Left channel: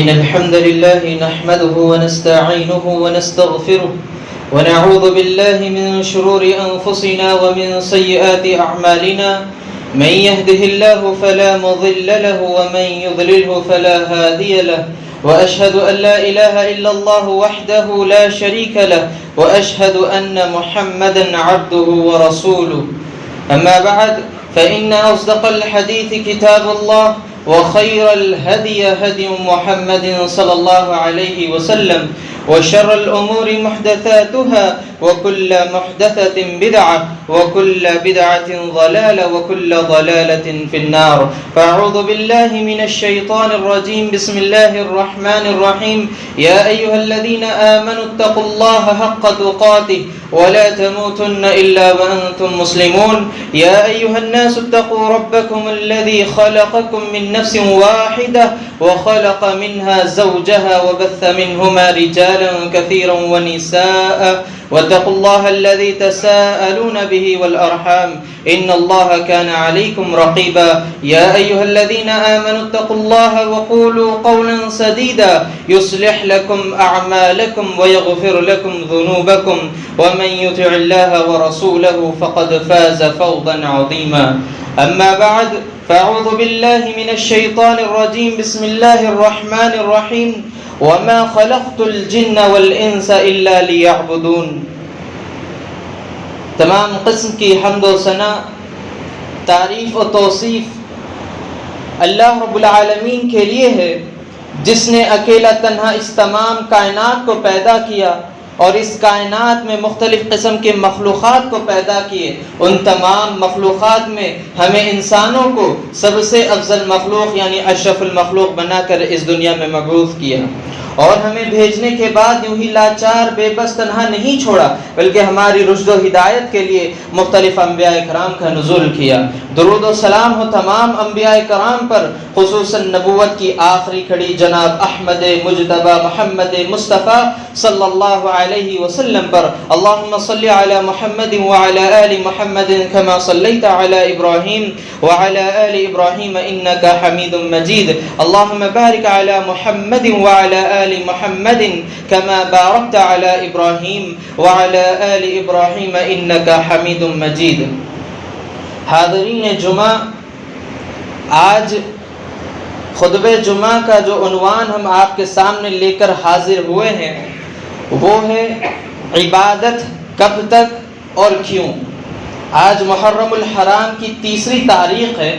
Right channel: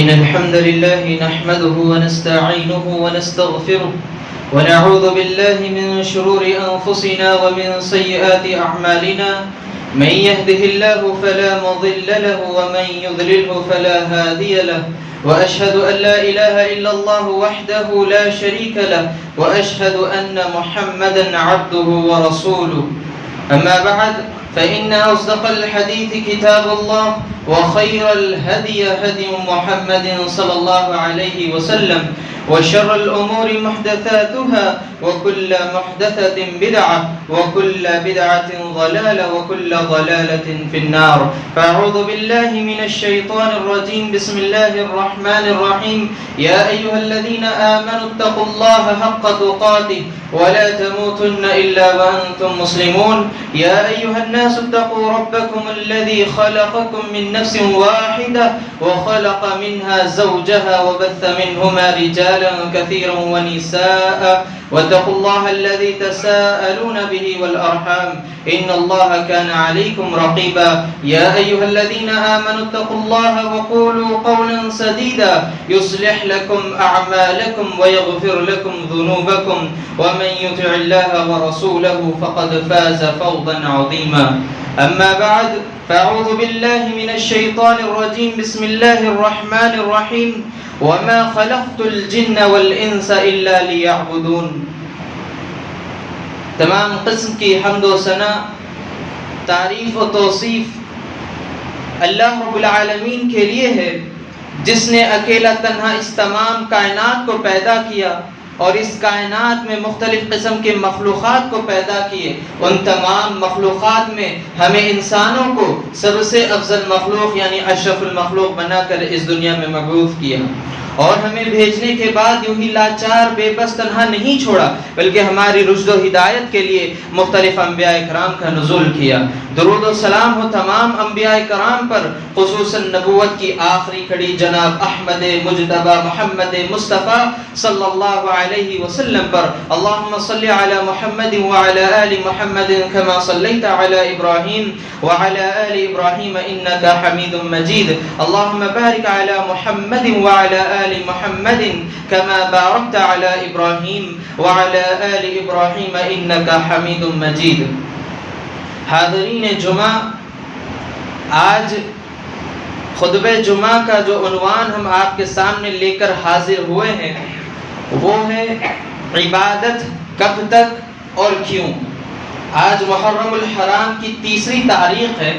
إن الحمد لله نحمده ونستعينه ونستغفره ونعوذ بالله من شرور أنفسنا ومن سيئات أعمالنا. من يهده الله فلا مضل له ومن يضلله فلا هادي له. وأشهد أن لا إله إلا الله وحده لا شريك له وأشهد أن محمدا عبده ورسوله. أما بعد فإن أصدق الحديث كتاب الله وخير الهدي هدي محمد صلى الله عليه وسلم وشر الأمور محدثاتها وكل محدثة بدعة وكل بدعة ضلالة وكل ضلالة في النار. فأعوذ بالله من الشيطان الرجيم. بسم الله الرحمن الرحيم. يا أيها الذين آمنوا اتقوا الله حق تقاته ولا تموتن إلا وأنتم مسلمون. يا أيها الناس اتقوا ربكم الذي خلقكم من نفس واحدة وخلق منها زوجها وبث منهما رجالا كثيرا ونساء واتقوا الله الذي تساءلون به والأرحام إن الله كان عليكم رقيبا. يا أيها الذين آمنوا اتقوا الله وقولوا قولا سديدا يصلح لكم أعمالكم ويغفر لكم ذنوبكم ومن يطع الله ورسوله فقد فاز فوزا عظيما. أما بعد فأعوذ بالله من الشيطان الرجيم. بسم الله الرحمن الرحيم. وما خلقت الجن والإنس إلا ليعبدون. تمام قسم کی حمد و ثنا، تعریف و توصیف اللہ رب العالمین کے لیے ہے، جس نے اکیلا تنہا اس تمام کائنات کو پیدا کیا اور اس کائنات میں مختلف قسم کے مخلوقات کو پیدا کیے. ان تمام مخلوقات میں ہمیں انسانوں کو سب سے افضل مخلوق یعنی اشرف المخلوق بنا کر اس دنیا میں مبعوث کیا، اور ہمیں بھیجنے کے بعد یوں ہی لاچار بے بس تنہا نہیں چھوڑا، بلکہ ہماری رشد و ہدایت کے لیے مختلف انبیاء کرام کا نزول کیا. درود و سلام ہو تمام انبیاء کرام پر، خصوصاً نبوت کی آخری کڑی جناب احمد مجتبی محمد مصطفیٰ صلی اللہ علیہ وسلم پر. اللہم صلی علی محمد وعلی آل محمد کما صلیت علی ابراہیم وعلی آل ابراہیم انکا حمید مجید. اللہم بارک علی محمد وعلی آل محمد کما بارکت علی ابراہیم وعلی آل ابراہیم انکا حمید مجید. حاضرین جمعہ، آج خطبہ جمعہ کا جو عنوان ہم آپ کے سامنے لے کر حاضر ہوئے ہیں وہ ہے عبادت کب تک اور کیوں. آج محرم الحرام کی 3 تاریخ ہے.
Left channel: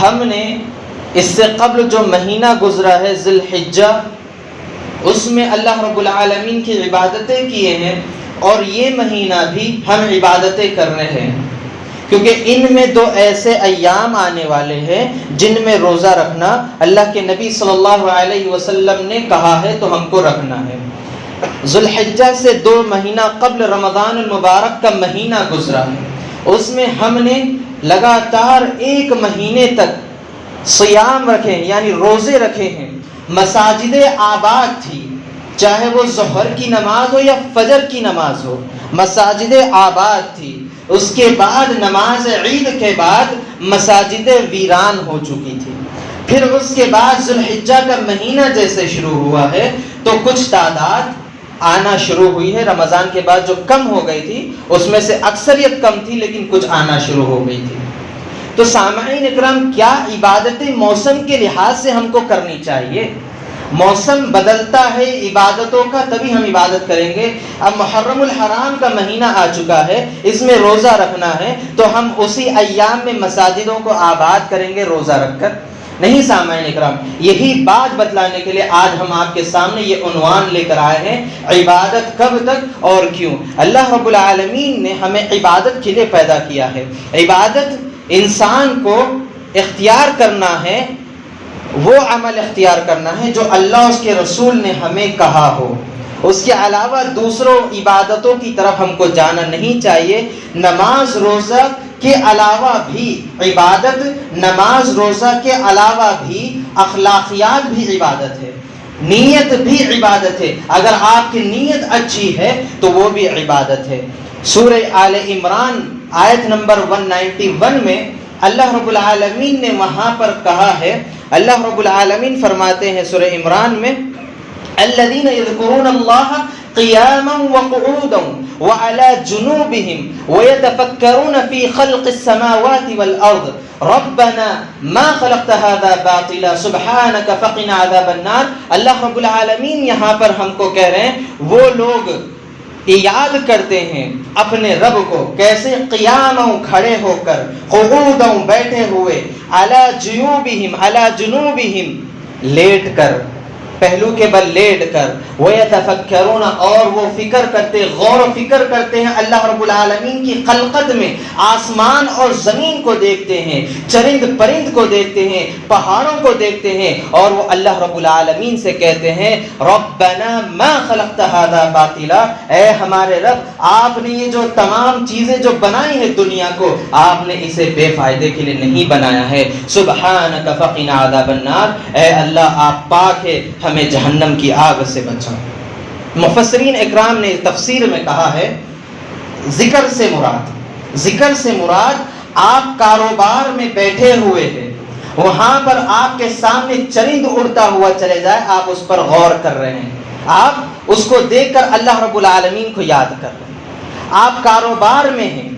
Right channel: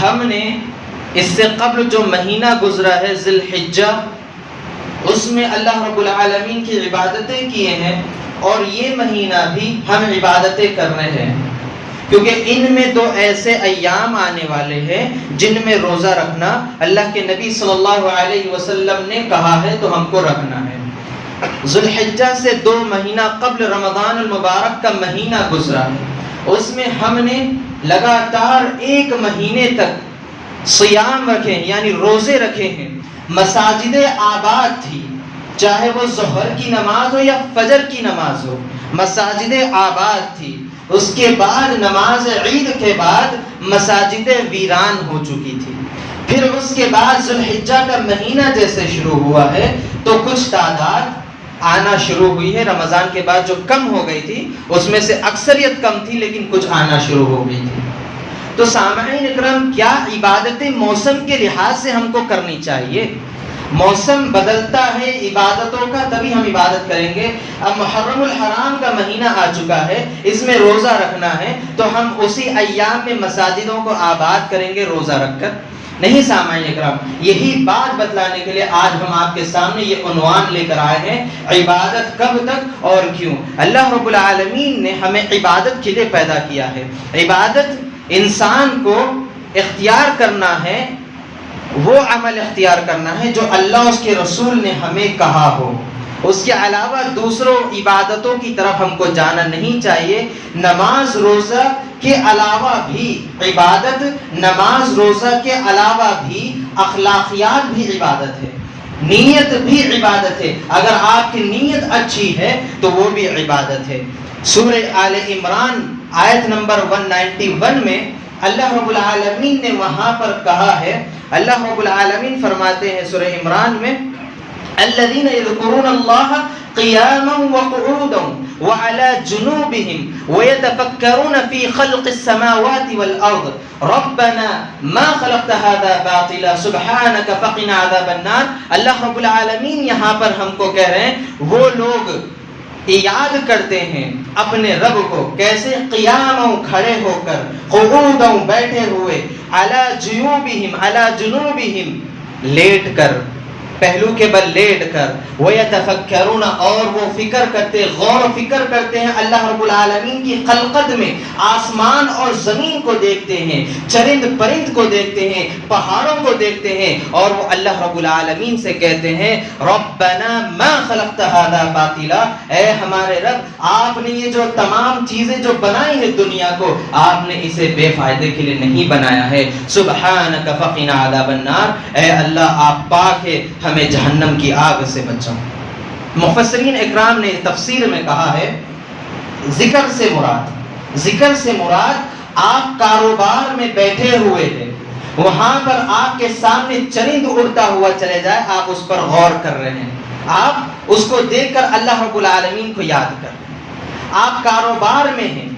ہم نے اس سے قبل جو مہینہ گزرا ہے ذی الحجہ، اس میں اللہ رب العالمین کی عبادتیں کیے ہیں، اور یہ مہینہ بھی ہم عبادتیں کر رہے ہیں، کیونکہ ان میں 2 ایسے ایام آنے والے ہیں جن میں روزہ رکھنا اللہ کے نبی صلی اللہ علیہ وسلم نے کہا ہے تو ہم کو رکھنا ہے. ذی الحجہ سے 2 مہینہ قبل رمضان المبارک کا مہینہ گزرا ہے. اس میں ہم نے لگاتار 1 مہینے تک صیام رکھے یعنی روزے رکھے ہیں. مساجدیں آباد تھی، چاہے وہ ظہر کی نماز ہو یا فجر کی نماز ہو، مساجدیں آباد تھی. اس کے بعد نماز عید کے بعد مساجدیں ویران ہو چکی تھی. پھر اس کے بعد ذی الحجہ کا مہینہ جیسے شروع ہوا ہے تو کچھ تعداد آنا شروع ہوئی ہے. رمضان کے بعد جو کم ہو گئی تھی اس میں سے اکثریت کم تھی، لیکن کچھ آنا شروع ہو گئی تھی. تو سامعین اکرام، کیا عبادتیں موسم کے لحاظ سے ہم کو کرنی چاہیے؟ موسم بدلتا ہے عبادتوں کا تبھی ہم عبادت کریں گے. اب محرم الحرام کا مہینہ آ چکا ہے، اس میں روزہ رکھنا ہے تو ہم اسی ایام میں مساجدوں کو آباد کریں گے روزہ رکھ کر؟ نہیں سامعین اکرام، یہی بات بتلانے کے لیے آج ہم آپ کے سامنے یہ عنوان لے کر آئے ہیں، عبادت کب تک اور کیوں. اللہ رب العالمین نے ہمیں عبادت کے لیے پیدا کیا ہے. عبادت انسان کو اختیار کرنا ہے، وہ عمل اختیار کرنا ہے جو اللہ اس کے رسول نے ہمیں کہا ہو. اس کے علاوہ دوسروں عبادتوں کی طرف ہم کو جانا نہیں چاہیے. نماز روزہ کے علاوہ بھی عبادت، نماز روزہ کے علاوہ بھی اخلاقیات بھی عبادت ہے، نیت بھی عبادت ہے. اگر آپ کی نیت اچھی ہے تو وہ بھی عبادت ہے. سورہ آل عمران آیت نمبر 191 میں اللہ رب العالمین نے وہاں پر کہا ہے، اللہ رب العالمین فرماتے ہیں سورہ عمران میں، الذین یذکرون اللہ قیاما وقعودا وعلی جنوبہم ویتفکرون فی خلق السماوات والارض ربنا ما خلقت هذا باطلا سبحانک فقنا عذاب النار۔ اللہ رب العالمین یہاں پر ہم کو کہہ رہے ہیں وہ لوگ یاد کرتے ہیں اپنے رب کو، کیسے؟ قیاموں کھڑے ہو کر، قعودوں بیٹھے ہوئے، علی جیوبہم علی جنوبہم لیٹ کر، پہلو کے بل لیٹ کر، وَيَتَفَكَّرُونَ اور وہ فکر کرتے، غور و فکر کرتے ہیں اللہ رب العالمین کی خلقت میں، آسمان اور زمین کو دیکھتے ہیں، چرند پرند کو دیکھتے ہیں، پہاڑوں کو دیکھتے ہیں، اور وہ اللہ رب العالمین سے کہتے ہیں ربنا ما خلقت هذا باطلا، اے ہمارے رب آپ نے یہ جو تمام چیزیں جو بنائی ہیں دنیا کو، آپ نے اسے بے فائدے کے لیے نہیں بنایا ہے، سبحانک فقنا عذاب النار، اے اللہ آپ پاک ہے، ہمیں جہنم کی آگ سے بچا۔ مفسرین اکرام نے تفسیر میں کہا ہے ذکر سے مراد آپ کاروبار میں بیٹھے ہوئے ہیں، وہاں پر آپ کے سامنے چرند اڑتا ہوا چلے جائے، آپ اس پر غور کر رہے ہیں، آپ اس کو دیکھ کر اللہ رب العالمین کو یاد کر رہے ہیں، آپ کاروبار میں ہیں،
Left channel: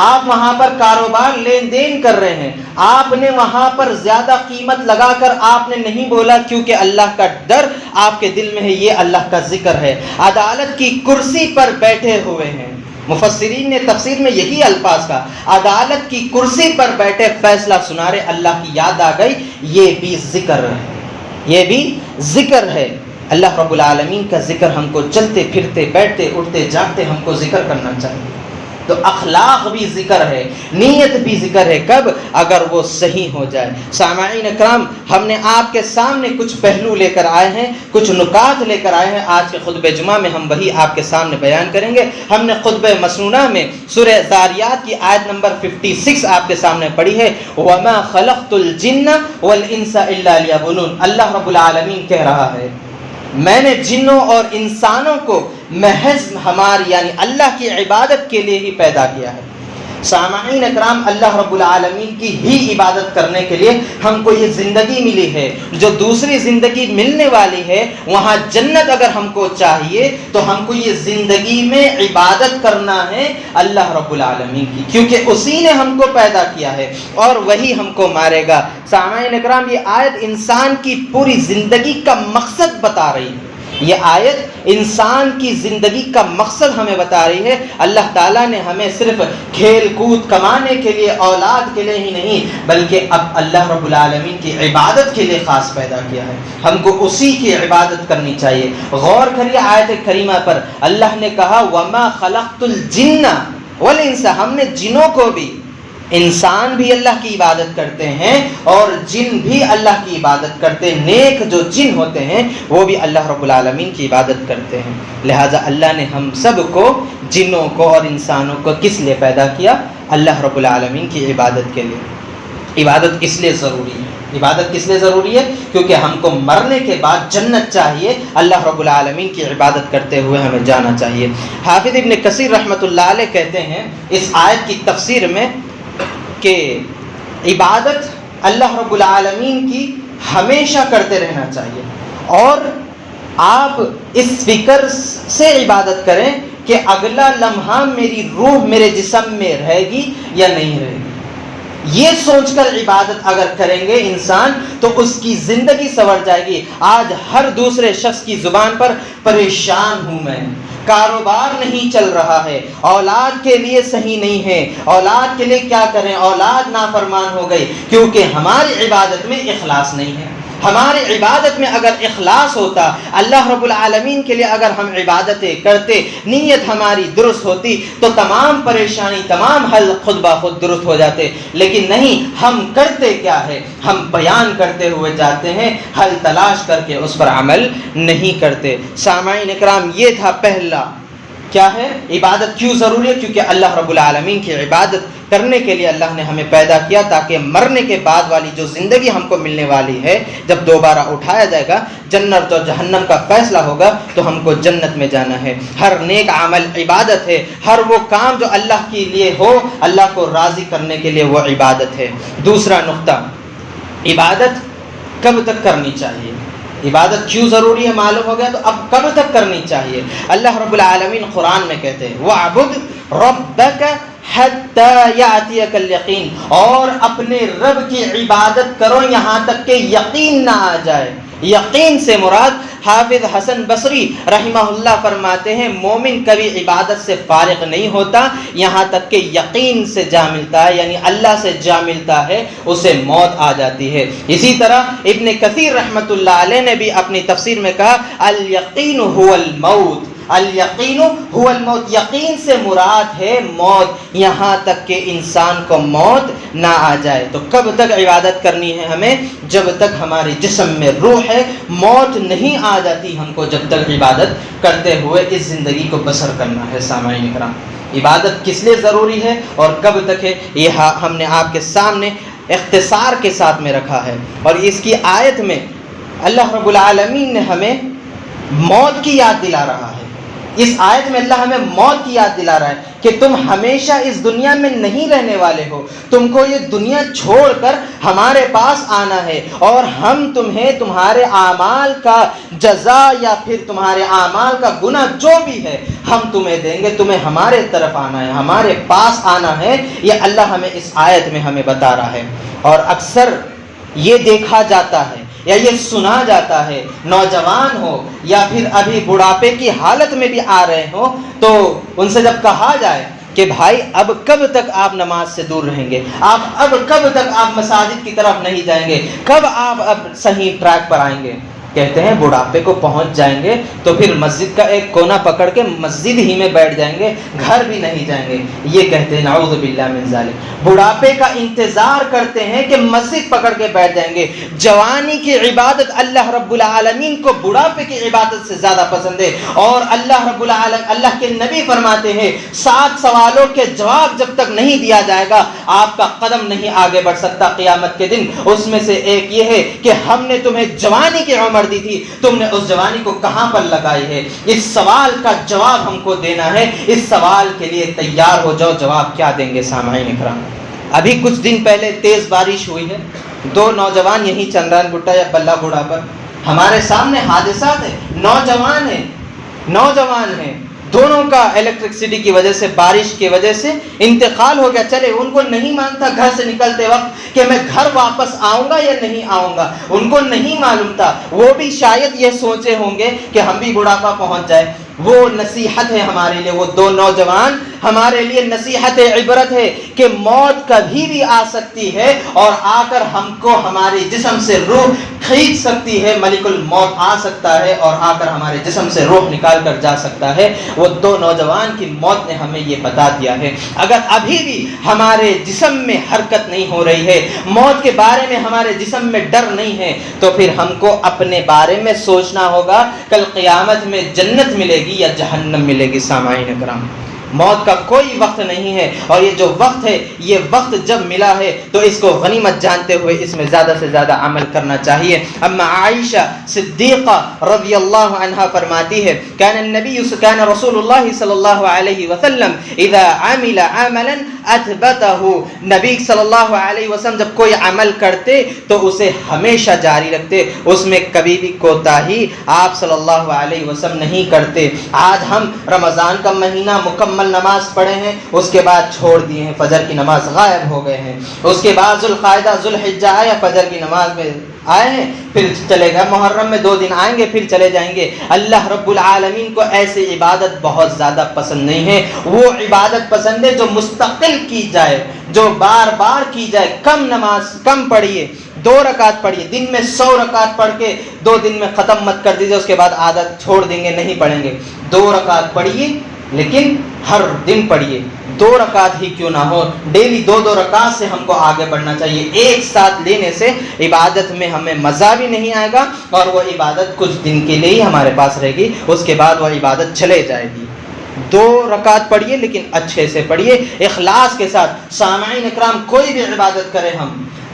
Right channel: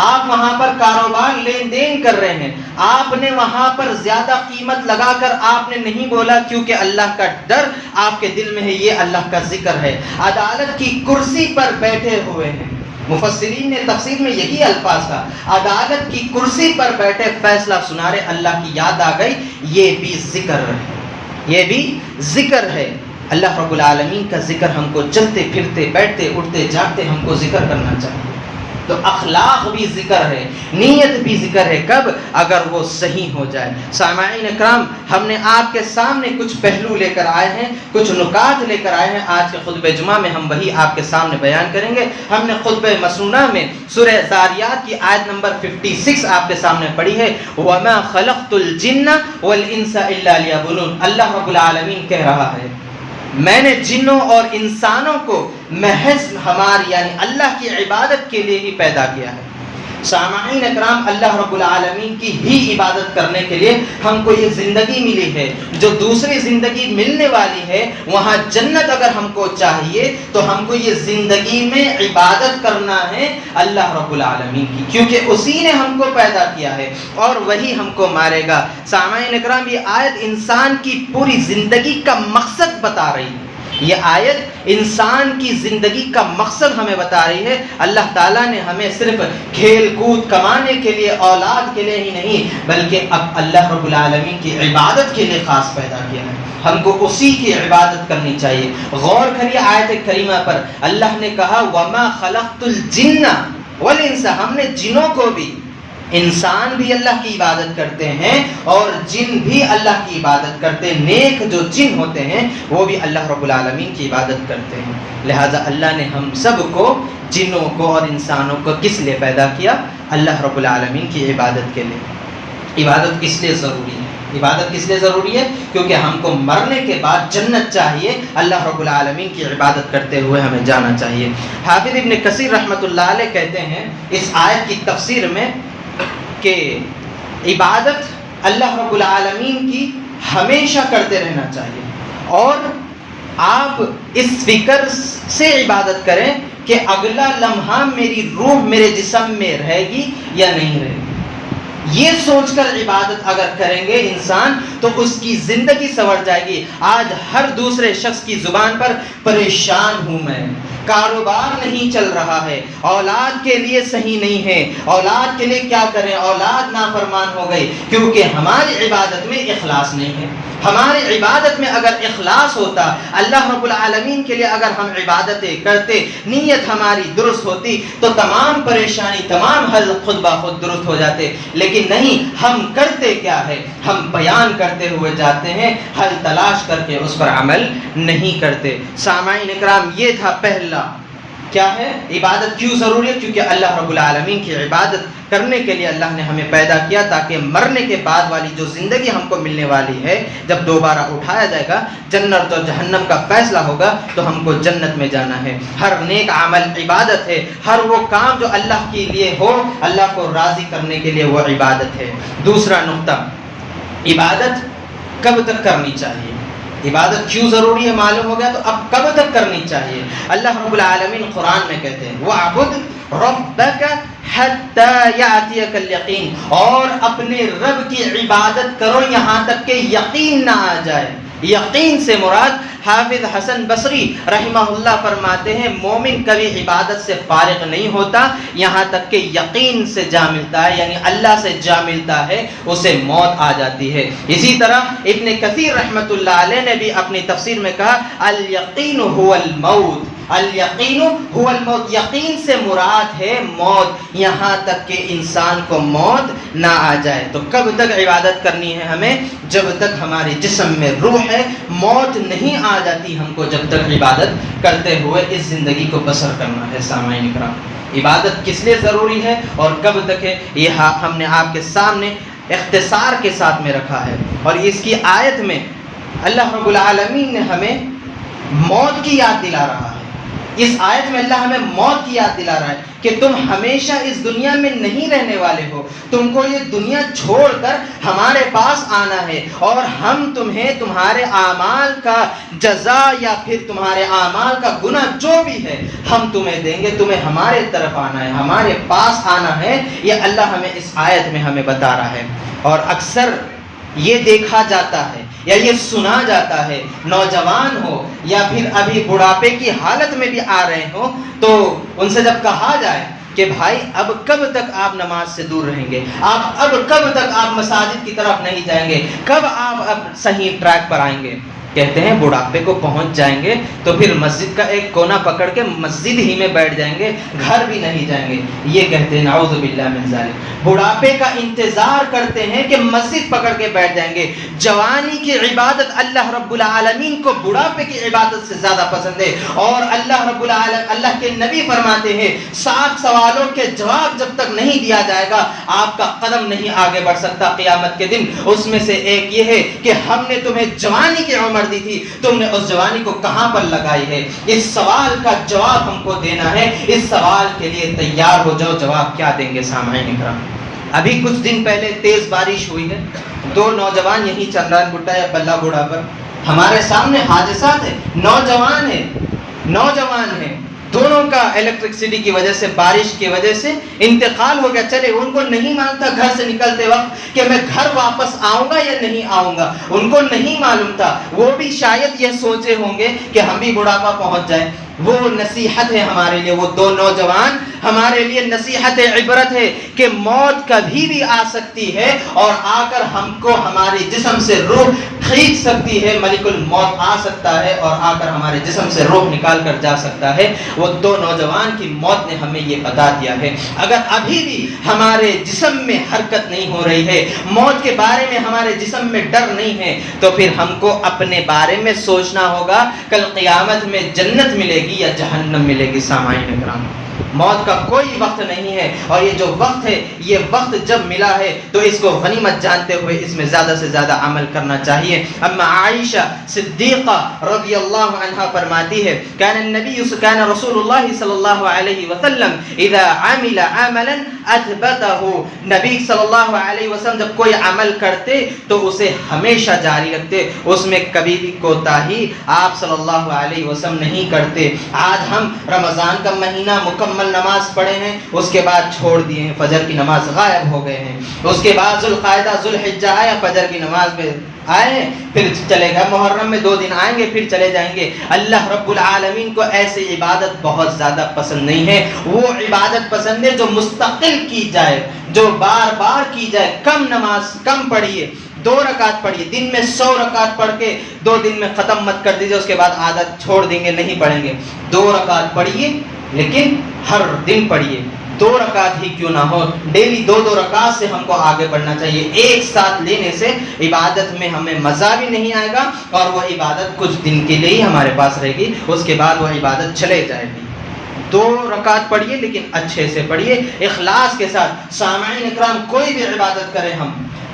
آپ وہاں پر کاروبار لین دین کر رہے ہیں، آپ نے وہاں پر زیادہ قیمت لگا کر آپ نے نہیں بولا کیونکہ اللہ کا ڈر آپ کے دل میں ہے، یہ اللہ کا ذکر ہے، عدالت کی کرسی پر بیٹھے ہوئے ہیں۔ مفسرین نے تفسیر میں یہی الفاظ کا، عدالت کی کرسی پر بیٹھے فیصلہ سنا رہے، اللہ کی یاد آ گئی، یہ بھی ذکر ہے، یہ بھی ذکر ہے۔ اللہ رب العالمین کا ذکر ہم کو چلتے پھرتے بیٹھتے اٹھتے جاگتے ہم کو ذکر کرنا چاہیے۔ تو اخلاق بھی ذکر ہے، نیت بھی ذکر ہے، کب؟ اگر وہ صحیح ہو جائے۔ سامعین اکرام، ہم نے آپ کے سامنے کچھ پہلو لے کر آئے ہیں، کچھ نکات لے کر آئے ہیں، آج کے خطبہ جمعہ میں ہم وہی آپ کے سامنے بیان کریں گے۔ ہم نے خطبہ مسنونہ میں سورہ ذاریات کی آیت نمبر 56 آپ کے سامنے پڑھی ہے، وَمَا خَلَقْتُ الْجِنَّ وَالْإِنسَ إِلَّا لِيَعْبُدُونِ، اللہ رب العالمین کہہ رہا ہے میں نے جنوں اور انسانوں کو محض ہماری یعنی اللہ کی عبادت کے لیے ہی پیدا کیا ہے۔ سامعین اکرام، اللہ رب العالمین کی ہی عبادت کرنے کے لیے ہم کو یہ زندگی ملی ہے، جو دوسری زندگی ملنے والی ہے وہاں جنت اگر ہم کو چاہیے تو ہم کو یہ زندگی میں عبادت کرنا ہے اللہ رب العالمین کی، کیونکہ اسی نے ہم کو پیدا کیا ہے اور وہی ہم کو مارے گا۔ سامعین اکرام، یہ آیت انسان کی پوری زندگی کا مقصد بتا رہی ہے، یہ آیت انسان کی زندگی کا مقصد ہمیں بتا رہی ہے۔ اللہ تعالیٰ نے ہمیں صرف کھیل کود کمانے کے لیے، اولاد کے لیے ہی نہیں، بلکہ اب اللہ رب العالمین کی عبادت کے لیے خاص پیدا کیا ہے، ہم کو اسی کی عبادت کرنی چاہیے۔ غور کریے آیت کریمہ پر، اللہ نے کہا وَمَا خَلَقْتُ الْجِنَّ وَالْإِنسَ، ہم نے جنوں کو بھی، انسان بھی اللہ کی عبادت کرتے ہیں اور جن بھی اللہ کی عبادت کرتے ہیں، نیک جو جن ہوتے ہیں وہ بھی اللہ رب العالمین کی عبادت کرتے ہیں۔ لہٰذا اللہ نے ہم سب کو، جنوں کو اور انسانوں کو کس لیے پیدا کیا؟ اللہ رب العالمین کی عبادت کے لیے۔ عبادت کس لیے ضروری ہے؟ عبادت کس لیے ضروری ہے؟ کیونکہ ہم کو مرنے کے بعد جنت چاہیے، اللہ رب العالمین کی عبادت کرتے ہوئے ہمیں جانا چاہیے۔ حافظ ابن کثیر رحمۃ اللہ علیہ کہتے ہیں اس آیت کی تفسیر میں کہ عبادت اللہ رب العالمین کی ہمیشہ کرتے رہنا چاہیے، اور آپ اس فکر سے عبادت کریں کہ اگلا لمحہ میری روح میرے جسم میں رہے گی یا نہیں رہے گی، یہ سوچ کر عبادت اگر کریں گے انسان تو اس کی زندگی سنور جائے گی۔ آج ہر دوسرے شخص کی زبان پر پریشان ہوں میں، کاروبار نہیں چل رہا ہے، اولاد کے لیے صحیح نہیں ہے، اولاد کے لیے کیا کریں، اولاد نافرمان ہو گئی، کیونکہ ہماری عبادت میں اخلاص نہیں ہے۔ ہماری عبادت میں اگر اخلاص ہوتا، اللہ رب العالمین کے لیے اگر ہم عبادتیں کرتے، نیت ہماری درست ہوتی تو تمام پریشانی، تمام حل خود بخود درست ہو جاتے، لیکن نہیں، ہم کرتے کیا ہے؟ ہم بیان کرتے ہوئے جاتے ہیں، حل تلاش کر کے اس پر عمل نہیں کرتے۔ سامعین اکرام، یہ تھا کیا ہے عبادت کیوں ضروری ہے؟ کیونکہ اللہ رب العالمین کی عبادت کرنے کے لیے اللہ نے ہمیں پیدا کیا، تاکہ مرنے کے بعد والی جو زندگی ہم کو ملنے والی ہے، جب دوبارہ اٹھایا جائے گا، جنت اور جہنم کا فیصلہ ہوگا، تو ہم کو جنت میں جانا ہے۔ ہر نیک عمل عبادت ہے، ہر وہ کام جو اللہ کے لیے ہو، اللہ کو راضی کرنے کے لیے، وہ عبادت ہے۔ دوسرا نقطہ، عبادت کب تک کرنی چاہیے؟ عبادت کیوں ضروری ہے معلوم ہو گیا، تو اب کب تک کرنی چاہیے؟ اللہ رب العالمین قرآن میں کہتے ہیں وَاعْبُدْ رَبَّكَ حَتَّى يَأْتِيَكَ الْيَقِينُ، اور اپنے رب کی عبادت کرو یہاں تک کہ یقین نہ آ جائے۔ یقین سے مراد حافظ حسن بصری رحمہ اللہ فرماتے ہیں مومن کبھی عبادت سے فارغ نہیں ہوتا یہاں تک کہ یقین سے جا ملتا ہے، یعنی اللہ سے جا ملتا ہے، اسے موت آ جاتی ہے۔ اسی طرح ابن کثیر رحمۃ اللہ علیہ نے بھی اپنی تفسیر میں کہا الیقین هو الموت، الیقین هو الموت، یقین سے مراد ہے موت، یہاں تک کہ انسان کو موت نہ آ جائے۔ تو کب تک عبادت کرنی ہے ہمیں؟ جب تک ہمارے جسم میں روح ہے، موت نہیں آ جاتی ہم کو، جب تک عبادت کرتے ہوئے اس زندگی کو بسر کرنا ہے۔ سامعین کرام، عبادت کس لیے ضروری ہے اور کب تک ہے، یہ ہم نے آپ کے سامنے اختصار کے ساتھ میں رکھا ہے۔ اور اس کی آیت میں اللہ رب العالمین نے ہمیں موت کی یاد دلا رہا ہے۔ اس آیت میں اللہ ہمیں موت کی یاد دلا رہا ہے کہ تم ہمیشہ اس دنیا میں نہیں رہنے والے ہو، تم کو یہ دنیا چھوڑ کر ہمارے پاس آنا ہے، اور ہم تمہیں تمہارے اعمال کا جزا یا پھر تمہارے اعمال کا گناہ جو بھی ہے ہم تمہیں دیں گے، تمہیں ہمارے طرف آنا ہے، ہمارے پاس آنا ہے۔ یہ اللہ ہمیں اس آیت میں ہمیں بتا رہا ہے۔ اور اکثر یہ دیکھا جاتا ہے یا یہ سنا جاتا ہے، نوجوان ہو یا پھر ابھی بڑھاپے کی حالت میں بھی آ رہے ہو، تو ان سے جب کہا جائے کہ بھائی اب کب تک آپ نماز سے دور رہیں گے، آپ اب کب تک آپ مساجد کی طرف نہیں جائیں گے، کب آپ اب صحیح ٹریک پر آئیں گے؟ کہتے ہیں بڑھاپے کو پہنچ جائیں گے تو پھر مسجد کا ایک کونا پکڑ کے مسجد ہی میں بیٹھ جائیں گے، گھر بھی نہیں جائیں گے۔ یہ کہتے ہیں نعوذ باللہ من ذالک، بڑھاپے کا انتظار کرتے ہیں کہ مسجد پکڑ کے بیٹھ جائیں گے۔ جوانی کی عبادت اللہ رب العالمین کو بڑھاپے کی عبادت سے زیادہ پسند ہے، اور اللہ کے نبی فرماتے ہیں 7 سوالوں کے جواب جب تک نہیں دیا جائے گا آپ کا قدم نہیں آگے بڑھ سکتا قیامت کے دن۔ اس میں سے ایک یہ ہے کہ ہم نے تمہیں جوانی کی عمر دی تھی، تم نے اس جوانی کو کہاں پر لگائی ہے؟ اس سوال کا جواب ہم کو دینا ہے، اس سوال کے لیے تیار ہو جاؤ۔ جواب کیا دیں گے سامعین کرام؟ ابھی کچھ دن پہلے تیز بارش ہوئی ہے، 2 نوجوان یہیں چندران گٹا یا بلہ گڑا پر ہمارے سامنے حادثات ہیں، نوجوان ہیں، دونوں کا الیکٹرکسٹی کی وجہ سے، بارش کی وجہ سے انتقال ہو گیا۔ چلے ان کو نہیں معلوم تھا گھر سے نکلتے وقت کہ میں گھر واپس آؤں گا یا نہیں آؤں گا، ان کو نہیں معلوم تھا۔ وہ بھی شاید یہ سوچے ہوں گے کہ ہم بھی بڑھاپا پہنچ جائے۔ وہ نصیحت ہے ہمارے لیے، وہ 2 نوجوان ہمارے لیے نصیحت عبرت ہے کہ موت کبھی بھی آ سکتی ہے اور آ کر ہم کو ہمارے جسم سے روح کھینچ سکتی ہے۔ ملک الموت آ سکتا ہے اور آ کر ہمارے جسم سے روح نکال کر جا سکتا ہے۔ وہ 2 نوجوان کی موت نے ہمیں یہ بتا دیا ہے۔ اگر ابھی بھی ہمارے جسم میں حرکت نہیں ہو رہی ہے، موت کے بارے میں ہمارے جسم میں ڈر نہیں ہے، تو پھر ہم کو اپنے بارے میں سوچنا ہوگا کل قیامت میں جنت ملے گی یا جہنم ملے گی۔ سامعین کرام، موت کا کوئی وقت نہیں ہے، اور یہ جو وقت ہے، یہ وقت جب ملا ہے تو اس کو غنیمت جانتے ہوئے اس میں زیادہ سے زیادہ عمل کرنا چاہیے۔ اما عائشہ صدیقہ رضی اللہ عنہا فرماتی ہے کان رسول اللہ صلی اللہ علیہ وسلم اذا عمل عملا اثبته، نبی صلی اللہ علیہ وسلم جب کوئی عمل کرتے تو اسے ہمیشہ جاری رکھتے، اس میں کبھی بھی کوتاہی آپ صلی اللہ علیہ وسلم نہیں کرتے۔ آج ہم رمضان کا مہینہ مکمل نماز پڑھے ہیں، اس کے بعد چھوڑ دیے ہیں، فجر کی نماز غائب ہو گئے ہیں، اس کے بعد ذوالقعدہ ذوالحجہ آیا، فجر کی نماز میں آئے ہیں، پھر چلے گئے، محرم میں 2 دن آئیں گے پھر چلے جائیں گے۔ اللہ رب العالمین کو ایسی عبادت بہت زیادہ پسند نہیں ہے۔ وہ عبادت پسند ہے جو مستقل کی جائے، جو بار بار کی جائے۔ کم نماز کم پڑھیے، 2 رکعت پڑھیے، دن میں 100 رکعت پڑھ کے 2 دن میں ختم مت کر دیجیے، اس کے بعد عادت چھوڑ دیں گے، نہیں پڑھیں گے۔ 2 رکعت پڑھیے، لیکن ہر دن پڑھیے، 2 رکعت ہی کیوں نہ ہو، ڈیلی 2 رکعت سے ہم کو آگے بڑھنا چاہیے۔ ایک ساتھ لینے سے عبادت میں ہمیں مزہ بھی نہیں آئے گا، اور وہ عبادت کچھ دن کے لیے ہی ہمارے پاس رہے گی، اس کے بعد وہ عبادت چلے جائے گی۔ 2 رکعت پڑھیے لیکن اچھے سے پڑھیے، اخلاص کے ساتھ۔ سامعین اکرام، کوئی بھی عبادت کرے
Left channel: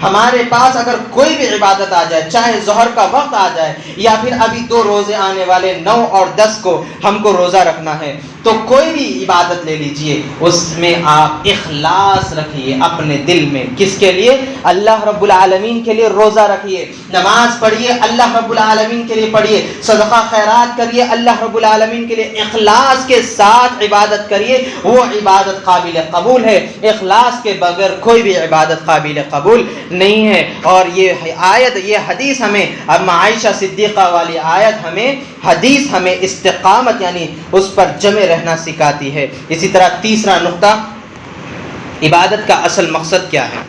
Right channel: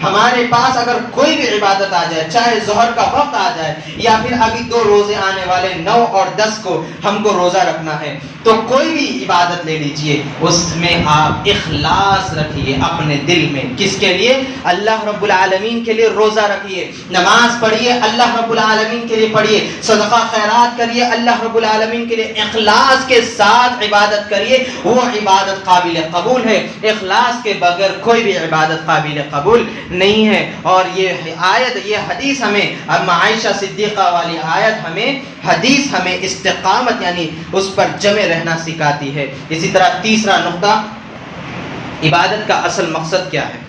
ہمارے پاس اگر کوئی بھی عبادت آ جائے، چاہے ظہر کا وقت آ جائے یا پھر ابھی 2 روزے آنے والے 9 اور 10 کو ہم کو روزہ رکھنا ہے، تو کوئی بھی عبادت لے لیجئے، اس میں آپ اخلاص رکھیے اپنے دل میں۔ کس کے لیے؟ اللہ رب العالمین کے لیے روزہ رکھیے، نماز پڑھیے اللہ رب العالمین کے لیے پڑھیے، صدقہ خیرات کریے اللہ رب العالمین کے لیے، اخلاص کے ساتھ عبادت کریے، وہ عبادت قابل قبول ہے۔ اخلاص کے بغیر کوئی بھی عبادت قابل قبول نہیں ہے۔ اور یہ آیت، یہ حدیث ہمیں، اما عائشہ صدیقہ والی آیت حدیث ہمیں استقامت یعنی اس پر جمع رہنا سکھاتی ہے۔ اسی طرح تیسرا نقطہ، عبادت کا اصل مقصد کیا ہے؟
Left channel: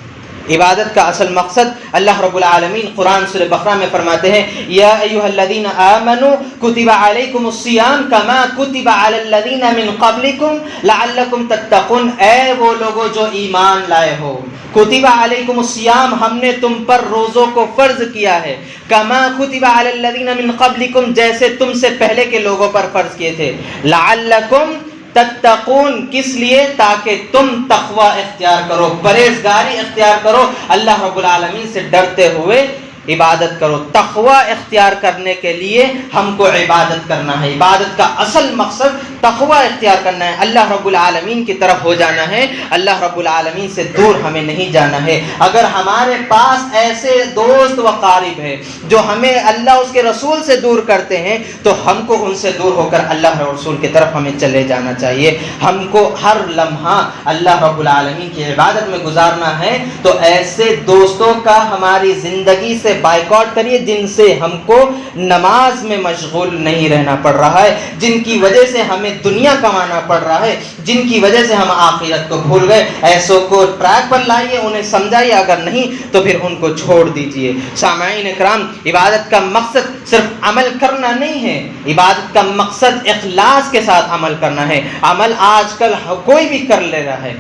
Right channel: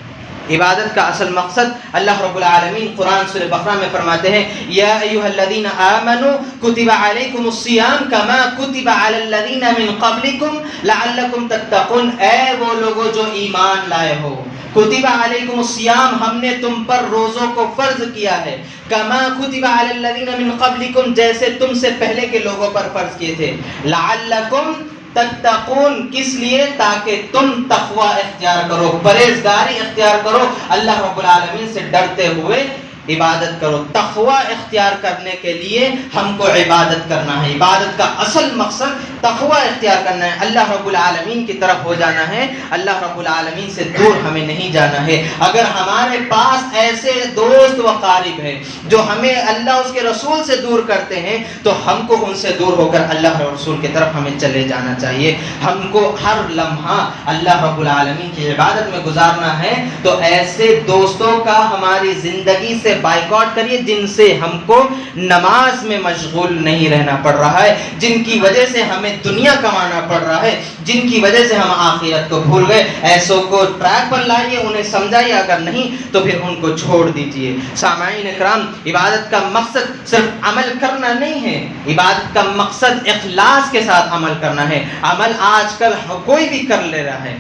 عبادت کا اصل مقصد اللہ رب العالمین قرآن سورہ بقرہ میں فرماتے ہیں، یا ایھا الذین آمنوا کتب علیکم الصیام کما کتب علی الذین من قبلکم لعلکم تتقون، اے وہ لوگوں جو ایمان لائے ہو، کتب علیکم الصیام، ہم نے تم پر روزوں کو فرض کیا ہے، کما کتب علی الذین من قبلکم، جیسے تم سے پہلے کے لوگوں پر فرض کیے تھے، لعلکم تتقون، کس لیے؟ تاکہ تم تقوی اختیار کرو، پرہیزگاری اختیار کرو، اللہ رب العالمین سے ڈرتے ہوئے عبادت کرو۔ تقوی اختیار کرنے کے لیے ہم کو عبادت کرنا ہے، عبادت کا اصل مقصد تقوی اختیار کرنا ہے، اللہ رب العالمین کی طرف ہو جانا ہے، اللہ رب العالمین سے دور ہمیں نہیں جانا ہے۔ اگر ہمارے پاس ایسے دوست و قارب ہیں جو ہمیں اللہ اس کے رسول سے دور کرتے ہیں، تو ہم کو ان سے دور ہو کر اللہ اور رسول کی طرف ہمیں چلے جانا چاہیے۔ ہم کو ہر لمحہ اللہ رب العالمین کی عبادت میں گزارنا ہے، تو ایسے دوستوں کا ہماری زندگی سے بائیکاٹ کریے جن سے ہم کو نماز میں مشغول نہیں رہنا پڑ رہا ہے، جن کی وجہ سے ہمیں دنیا کمانا پڑ رہا ہے، جن کی وجہ سے ہم آخرت کو بھول گئے۔ ایسوں کو ٹریک پر لائیے، انہیں سمجھائیے، اگر نہیں تو پھر ان کو چھوڑ دیجئے۔ سامعین اکرام، عبادت کا مقصد صرف عمل کرنا نہیں ہے، عبادت کا مقصد اخلاص کے ساتھ عمل کرنا ہے۔ عمل آج کل کوئی بھی کر لے رہا ہے،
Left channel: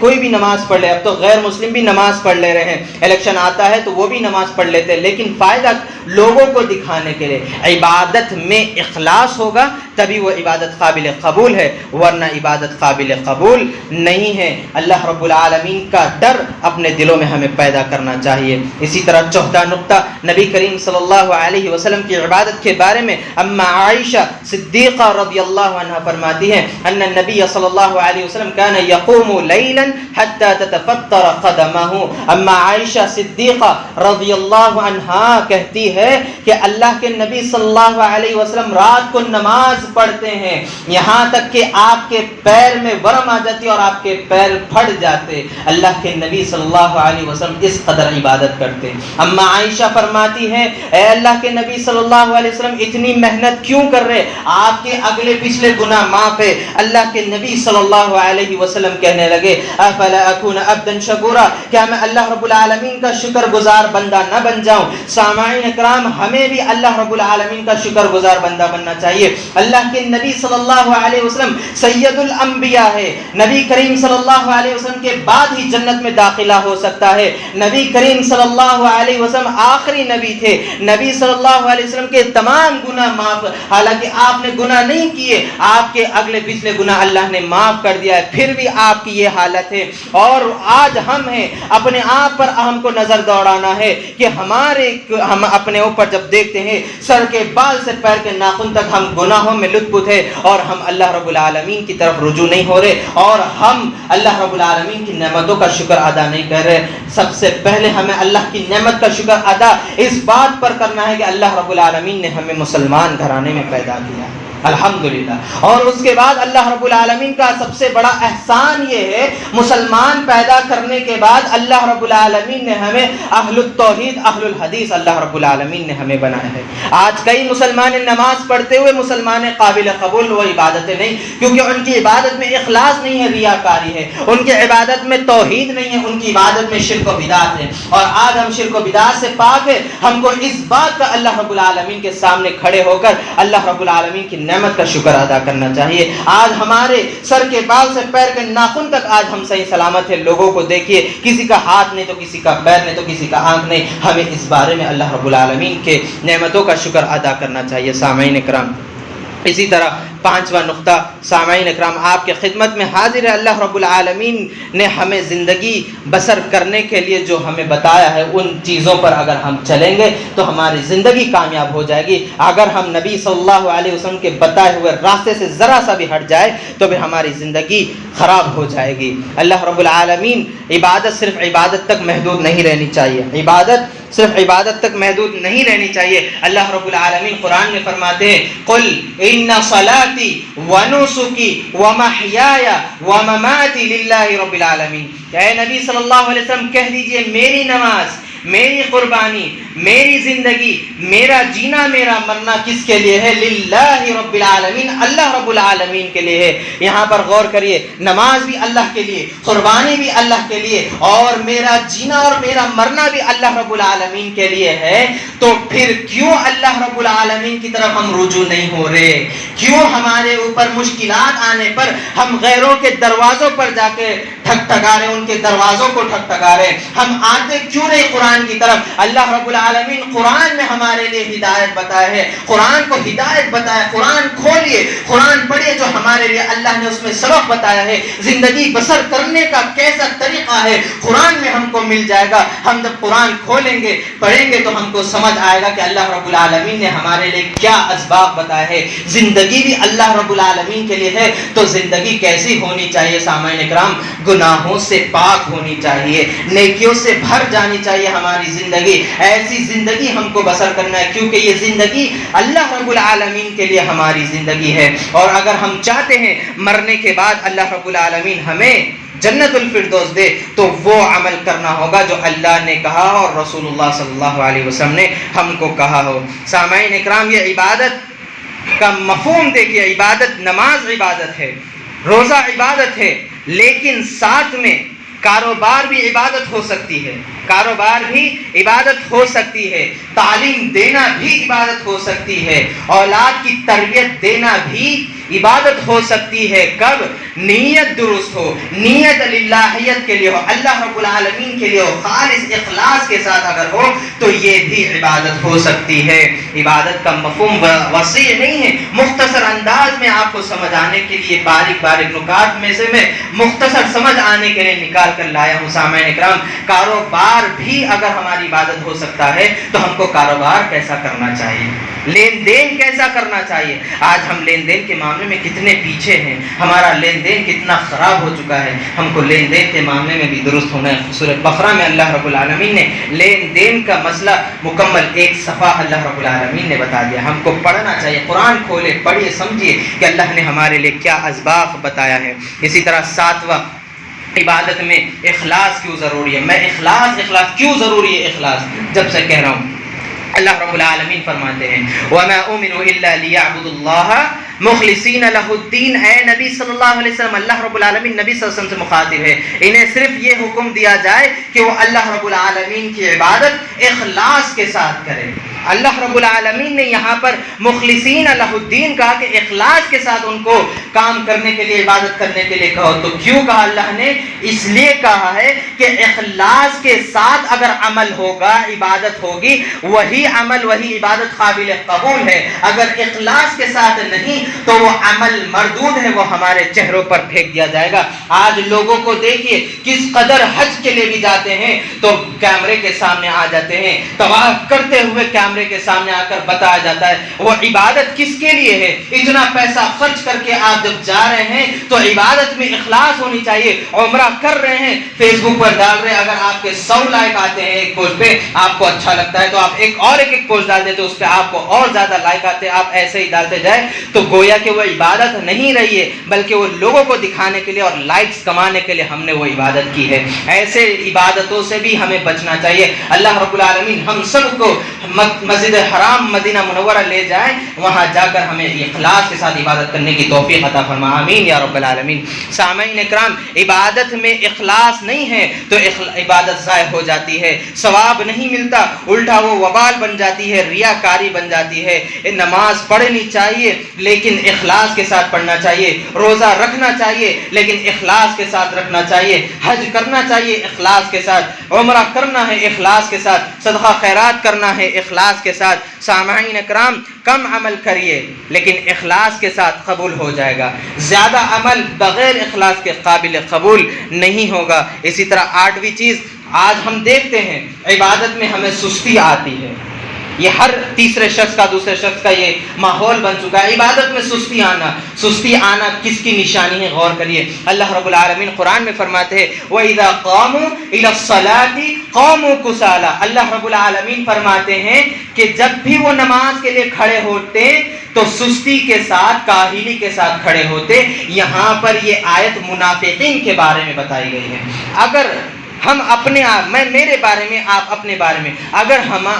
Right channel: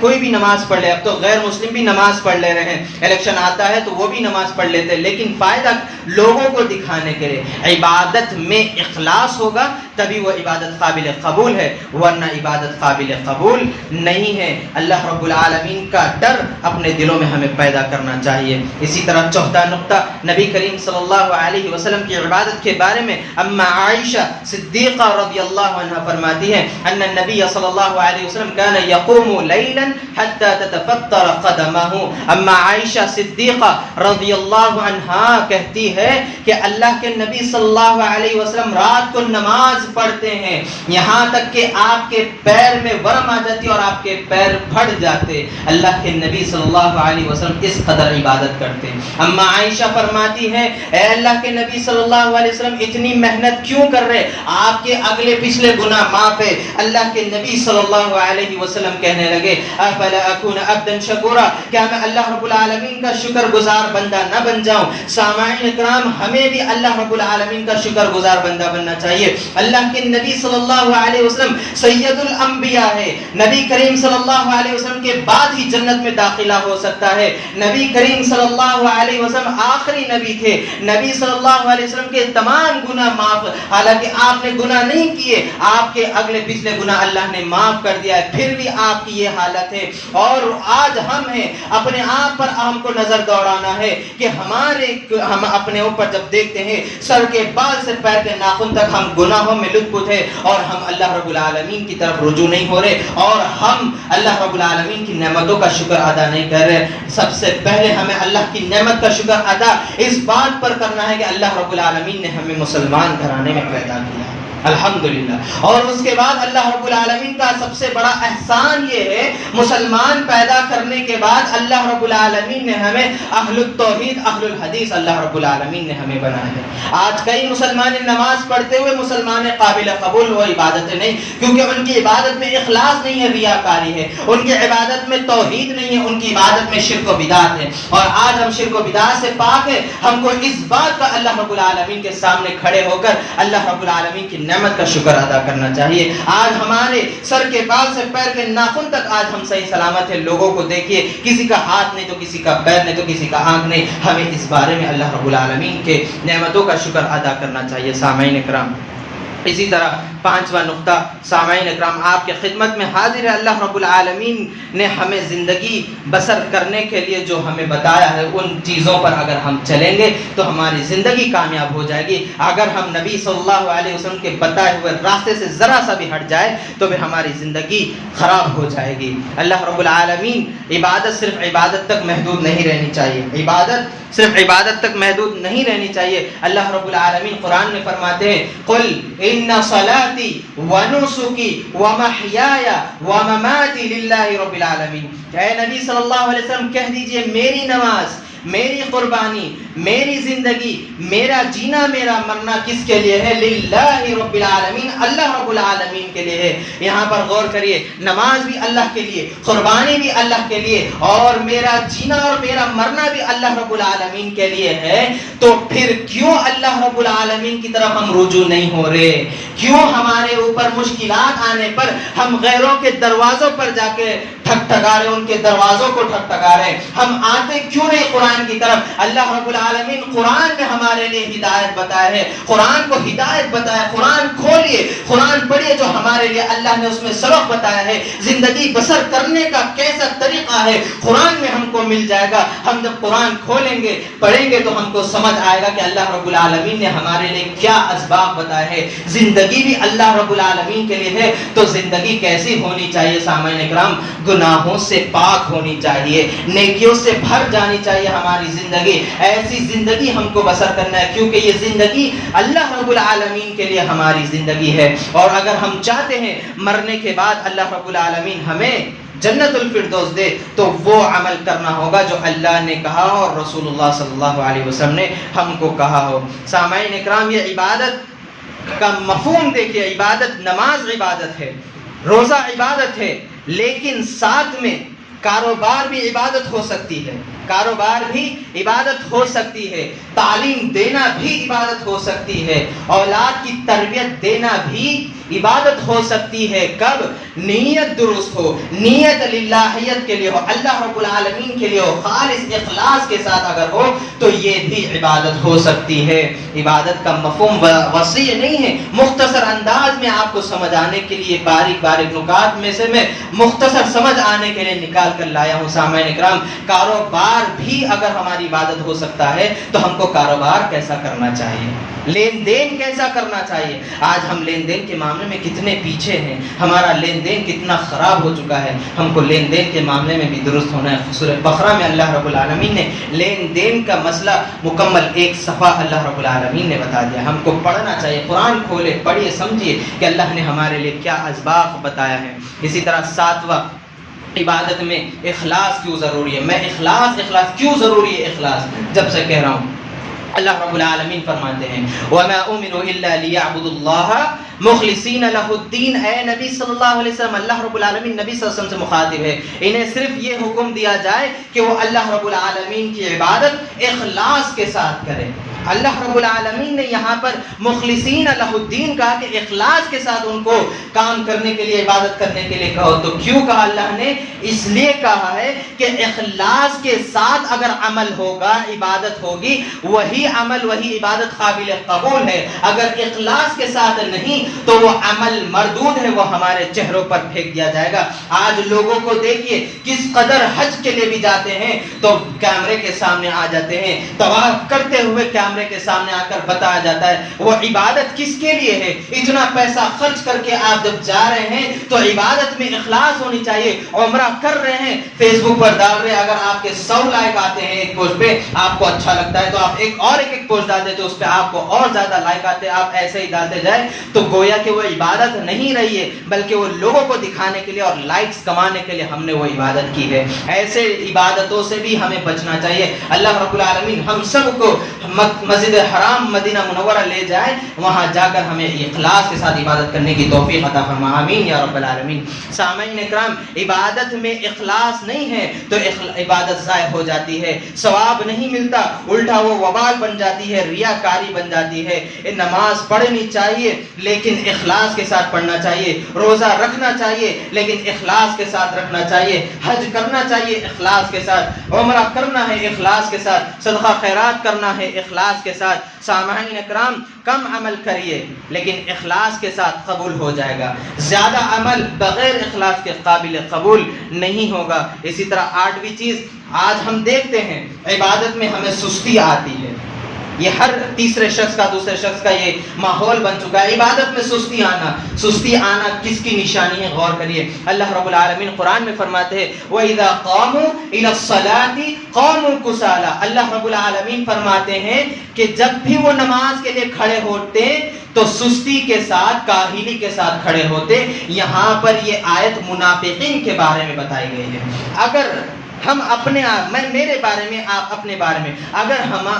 کوئی بھی نماز پڑھ لے، اب تو غیر مسلم بھی نماز پڑھ لے رہے ہیں، الیکشن آتا ہے تو وہ بھی نماز پڑھ لیتے ہیں، لیکن فائدہ لوگوں کو دکھانے کے لیے۔ عبادت میں اخلاص ہوگا تبھی وہ عبادت قابل قبول ہے، ورنہ عبادت قابل قبول نہیں ہے۔ اللہ رب العالمین کا ڈر اپنے دلوں میں ہمیں پیدا کرنا چاہیے۔ اسی طرح چوتھا نقطہ، نبی کریم صلی اللہ علیہ وسلم کی عبادت کے بارے میں اما عائشہ صدیقہ رضی اللہ عنہ فرماتی ہیں، ان النبی صلی اللہ علیہ وسلم کان یقوم لیلا حتی تتفطر قدمہ۔ اما عائشہ صدیقہ رضی اللہ عنہا کہتی ہے کہ اللہ کے نبی صلی اللہ علیہ وسلم رات کو نماز پڑھتے ہیں یہاں تک کہ آپ کے پیر میں ورم آ جاتی اور آپ کے پیر پھٹ جاتے۔ اللہ کے نبی صلی اللہ علیہ وسلم اس قدر عبادت کرتے۔ اما عائشہ فرماتی ہے، اے اللہ کے نبی صلی اللہ علیہ وسلم اتنی محنت کیوں کر رہے؟ آپ کے اگلے پچھلے گناہ معاف ہے۔ اللہ کے نبی صلی اللہ علیہ وسلم کہنے لگے، افلا اکون عبدا شکورا، کیا میں اللہ رب العالمین کا شکر گزار بندہ نہ بن جاؤں؟ سامعین اکرام، ہمیں بھی اللہ رب العالمین کا شکر گزار بندہ بننا چاہیے۔ اللہ کے نبی صلی اللہ علیہ وسلم سید الانبیاء ہے، نبی کریم صلی اللہ علیہ وسلم کے بعد ہی جنت میں داخلہ ہو سکتا ہے۔ نبی کریم صلی اللہ علیہ وسلم آخری نبی تھے، نبی صلی اللہ علیہ وسلم کے تمام گناہ معاف، حالانکہ آپ نے گناہ نہیں کیے، آپ کے اگلے پچھلے گناہ اللہ نے معاف کر دیا ہے، پھر بھی آپ کی یہ حالت ہے۔ اور آج ہم ہیں، اپنے آپ پر ہم کو نظر دوڑانا ہے کہ ہم اپنے اوپر جب دیکھتے ہیں سر کے بال سے پیر کے ناخن تک ہم گناہوں میں لطف ہے، اور ہم اللہ رب العالمین کی طرف رجوع نہیں ہو رہے، اور ہم اللہ رب العالمین کی نعمتوں کا شکر ادا نہیں کر رہے۔ سب سے پہلے ہمیں اللہ کی نعمت کا شکر ادا اس بات پر کرنا ہے کہ اللہ رب العالمین نے ہمیں مسلمان گھرانے میں پیدا کیا، الحمدللہ۔ اور اس کے بعد اللہ رب العالمین کا سب سے بڑا احسان یہ ہے، مسلمان پیدا کرنے کے بعد اللہ رب العالمین نے ہمیں اہل التوحید، اہل الحدیث اللہ رب العالمین نے ہمیں بنایا ہے۔ آج کئی مسلمان نماز پڑھتے ہوئے مسلمان قابل قبول وہ عبادتیں نہیں، کیونکہ ان کی عبادت میں اخلاص نہیں ہے، ریاکاری ہے، ان کی عبادت میں توحید نہیں ہے، ان کی عبادت میں شرک و بدعت ہے۔ اور آج ہم شرک و بدعت سے پاک ہے، ہم کو اس بات کا اللہ رب العالمین کے سامنے کھڑے ہو کر اللہ رب العالمین کی نعمت کا شکر ادا کرنا چاہیے۔ آج ہمارے سر کے بال سے پیر کے ناخن تک آج ہم صحیح سلامت ہیں۔ لوگوں کو دیکھیے، کسی کا ہاتھ نہیں تو کسی کا پیر نہیں تو کسی کا آنکھ نہیں۔ ہمیں اس بارے میں اللہ رب العالمین کے نعمتوں کا شکر ادا کرنا چاہیے۔ سامعین کرام، اسی طرح 5واں نقطہ سامعین اکرام آپ کے خدمت میں حاضر ہے. اللہ رب العالمین نے ہمیں زندگی بسر کرنے کے لیے جو ہمیں بتایا ہے ان چیزوں پر اگر ہم چلیں گے تو ہماری زندگی کامیاب ہو جائے گی. اگر ہم نبی صلی اللہ علیہ وسلم کے بتائے ہوئے راستے سے ذرا سا بھی ہٹ جائے تو بھی ہماری زندگی خراب ہو جائے گی. اللہ رب العالمین عبادت صرف عبادت تک محدود نہیں رہنی چاہیے. عبادت صرف عبادت تک محدود نہیں رہنی چاہیے. اللہ رب العالمین قرآن میں فرماتے ہیں قل ان صلاتی ونسکی ومحیای ومماتی للہ رب العالمین. اے نبی صلی اللہ علیہ وسلم کہہ دیجئے میری نماز، میری قربانی، میری زندگی، میرا جینا، میرا مرنا کس کے لیے ہے؟ للہ رب العالمین، اللہ رب العالمین کے لیے ہے. یہاں پر غور کریے، نماز بھی اللہ کے لیے، قربانی بھی اللہ کے لیے، اور میرا جینا اور میرا مرنا بھی اللہ رب العالمین کے لیے ہے. تو پھر کیوں اللہ رب العالمین کی طرف ہم رجوع نہیں ہو رہے؟ کیوں ہمارے اوپر مشکلات آنے پر ہم غیروں کے دروازوں پر جا کے ٹھکٹھکا رہے، ان کے دروازوں کو ٹھکٹھکا رہے؟ ہم آتے کیوں نہیں قرآن کی طرف؟ اللہ رب العالمین قرآن میں ہمارے لیے ہدایت بتایا ہے، قرآن کو ہدایت بتایا. قرآن کھولیے، قرآن پڑھیے، جو ہمارے لیے اللہ نے اس میں سبق بتایا ہے، زندگی بسر کرنے کا کیسا طریقہ ہے قرآن میں ہم کو مل جائے گا. ہم جب قرآن کھولیں گے، پڑھیں گے، تو ہم کو سمجھ آئے گا کہ اللہ رب العالمین نے ہمارے لیے کیا اسباب بتائے ہیں. زندگی بھی اللہ رب العالمین کے لیے ہے تو زندگی کیسی ہونی چاہیے سامعین اکرام؟ گناہوں سے پاک ہونی چاہیے، نیکیوں سے بھر جانی چاہیے ہماری زندگی. ایسی زندگی ہم کو بسر کرنا ہے کیونکہ یہ زندگی اللہ رب العالمین کے لیے ہماری زندگی ہے. اور اگر ہم چاہتے ہیں مرنے کے بعد اللہ رب العالمین ہمیں جنت الفردوس دے تو وہ عمل کرنا ہوگا جو اللہ نے کہا اور رسول اللہ صلی اللہ علیہ وسلم نے ہم کو کہا ہو. سامعین اکرام، یہ عبادت کا مفہوم دیکھیے. عبادت، نماز عبادت ہے، روزہ عبادت ہے، لیکن ساتھ میں کاروبار بھی عبادت ہو سکتی ہے. کاروبار بھی عبادت ہو سکتی ہے، تعلیم دینا بھی عبادت ہو سکتی ہے، اولاد کی تربیت دینا بھی عبادت ہو سکتی ہے. کب؟ نیت درست ہو، نیت للہیت کے لیے ہو، اللہ رب العالمین کے لیے ہو، خالص اخلاص کے ساتھ اگر ہو تو یہ بھی عبادت ہو سکتی ہے. عبادت کا مفہوم وسیع نہیں ہے. مختصر انداز میں آپ کو سمجھ آنے کے لیے باریک باریک نکات میں سے میں مختصر سمجھ آنے کے لیے نکال کر لایا ہوں. سامعین اکرام، کاروبار بھی اگر ہماری عبادت ہو سکتا ہے تو ہم کو کاروبار کیسا کرنا چاہیے، لین دین کیسا کرنا چاہیے؟ آج ہم لین دین کے معاملے میں کتنے پیچھے ہیں، ہمارا لین دین کتنا خراب ہو چکا ہے. ہم کو لین دین کے معاملے میں بھی درست ہونا ہے. سورہ بقرہ میں اللہ رب العالمین نے لین دین کا مسئلہ مکمل ایک صفحہ اللہ رب العالمین نے بتا دیا. ہم کو پڑھنا چاہیے، قرآن کھولے، پڑھیے، سمجھیے کہ اللہ نے ہمارے لیے کیا اسباق بتایا ہے. اسی طرح 7واں، عبادت میں اخلاص کیوں ضروری ہے؟ میں اخلاص کیوں ضروری ہے؟ اخلاص جب سے کہہ رہا ہوں، اللہ رب العالمین فرماتے ہیں وَمَا أُمِرُوا إِلَّا لِيَعْبُدُوا اللَّهَ مخلصین لہ الدین. اے نبی صلی اللہ علیہ وسلم، اللہ رب العالمین نبی صلی اللہ علیہ وسلم سے مخاطب ہے، انہیں صرف یہ حکم دیا جائے کہ وہ اللہ رب العالمین کی عبادت اخلاص کے ساتھ کریں. اللہ رب العالمین نے یہاں پر مخلصین لہ الدین کہا کہ اخلاص کے ساتھ ان کو کام کرنے کے لیے، عبادت کرنے کے لیے کہو. تو کیوں کہا اللہ نے؟ اس لیے کہا ہے کہ اخلاص کے ساتھ اگر عمل ہوگا، عبادت ہوگی، وہی عمل، وہی عبادت قابل قبول ہے. اگر اخلاص کے ساتھ نہیں تو وہ عمل مردود ہے، وہ ہمارے چہروں پر پھینک دیا جائے گا. آج لوگوں کو دیکھیے کس قدر حج کے لیے بھی جاتے ہیں تو کیمرے کے سامنے آ جاتے ہیں، طواف کرتے ہوئے کیمرے کے سامنے آ کر بتایا جاتا ہے. وہ عبادت کس کے لیے ہے؟ اتنا پیسہ خرچ کر کے آپ جب جا رہے ہیں تو عبادت میں اخلاص ہونی چاہیے. عمرہ کر رہے ہیں، فیس بک پر ڈال رہے ہیں، اگر آپ کے 100 لائک آتے ہیں ایک پوسٹ پہ، آپ کو اچھا لگتا ہے تو آپ ایک پوسٹ ڈال دیتے، اس پہ آپ کو اور زیادہ لائک آتے، آپ ایسے ہی ڈالتے جائیں تو گویا کہ وہ عبادت نہیں رہی ہے، بلکہ وہ لوگوں کو دکھانے کے لیے اور لائکس کمانے کے لیے ہم نے وہ عبادت کی ہے. ایسے عبادتوں سے بھی ہمیں بچنا چاہیے. اللہ رب العالمین ہم سب کو مسجد حرام مدینہ منورہ لے جائیں، وہاں جا کر ہمیں اخلاص کے ساتھ عبادت کرنے کی توفیق عطا فرما، آمین یا رب العالمین. سامعین اکرام، عبادت میں اخلاص نہیں ہے تو عبادت ضائع ہو جاتی ہے، ثواب نہیں ملتا، الٹا وہ وبال بن جاتی ہے، ریاکاری بن جاتی ہے. نماز پڑھنی چاہیے لیکن اخلاص کے ساتھ پڑھنا چاہیے، روزہ رکھنا چاہیے لیکن اخلاص کے ساتھ رکھنا چاہیے، حج کرنا چاہیے اخلاص کے ساتھ، عمرہ کرنا ہے اخلاص کے ساتھ، صدقہ خیرات کرنا ہے اخلاص اخلاص کے ساتھ سامعین اکرام کم عمل کریے لیکن اخلاص کے ساتھ قبول ہو جائے گا، زیادہ عمل بغیر اخلاص کے قابل قبول نہیں ہوگا۔ اسی طرح 8ویں چیز، آج ہم دیکھتے ہیں عبادت میں ہمیں سستی آتی ہے، یہ ہر تیسرے شخص کا دوسرے شخص کا یہ ماحول بن چکا ہے، عبادت میں سستی آنا کس کی نشانی ہے؟ غور کریے، اللہ رب العالمین قرآن میں فرماتے ہیں وَإِذَا قَامُوا إِلَى الصَّلَاةِ قَامُوا كُسَالَىٰ، اللہ رب العالمین فرماتے ہیں کہ جب بھی وہ نماز کے لیے کھڑے ہوتے تو سستی کے ساتھ، کاہلی کے ساتھ کھڑے ہوتے۔ یہاں پر یہ آیت منافقین کے بارے میں بتائی گئی ہے۔ اگر ہم اپنے آپ، میں میرے بارے میں، آپ اپنے بارے میں، اگر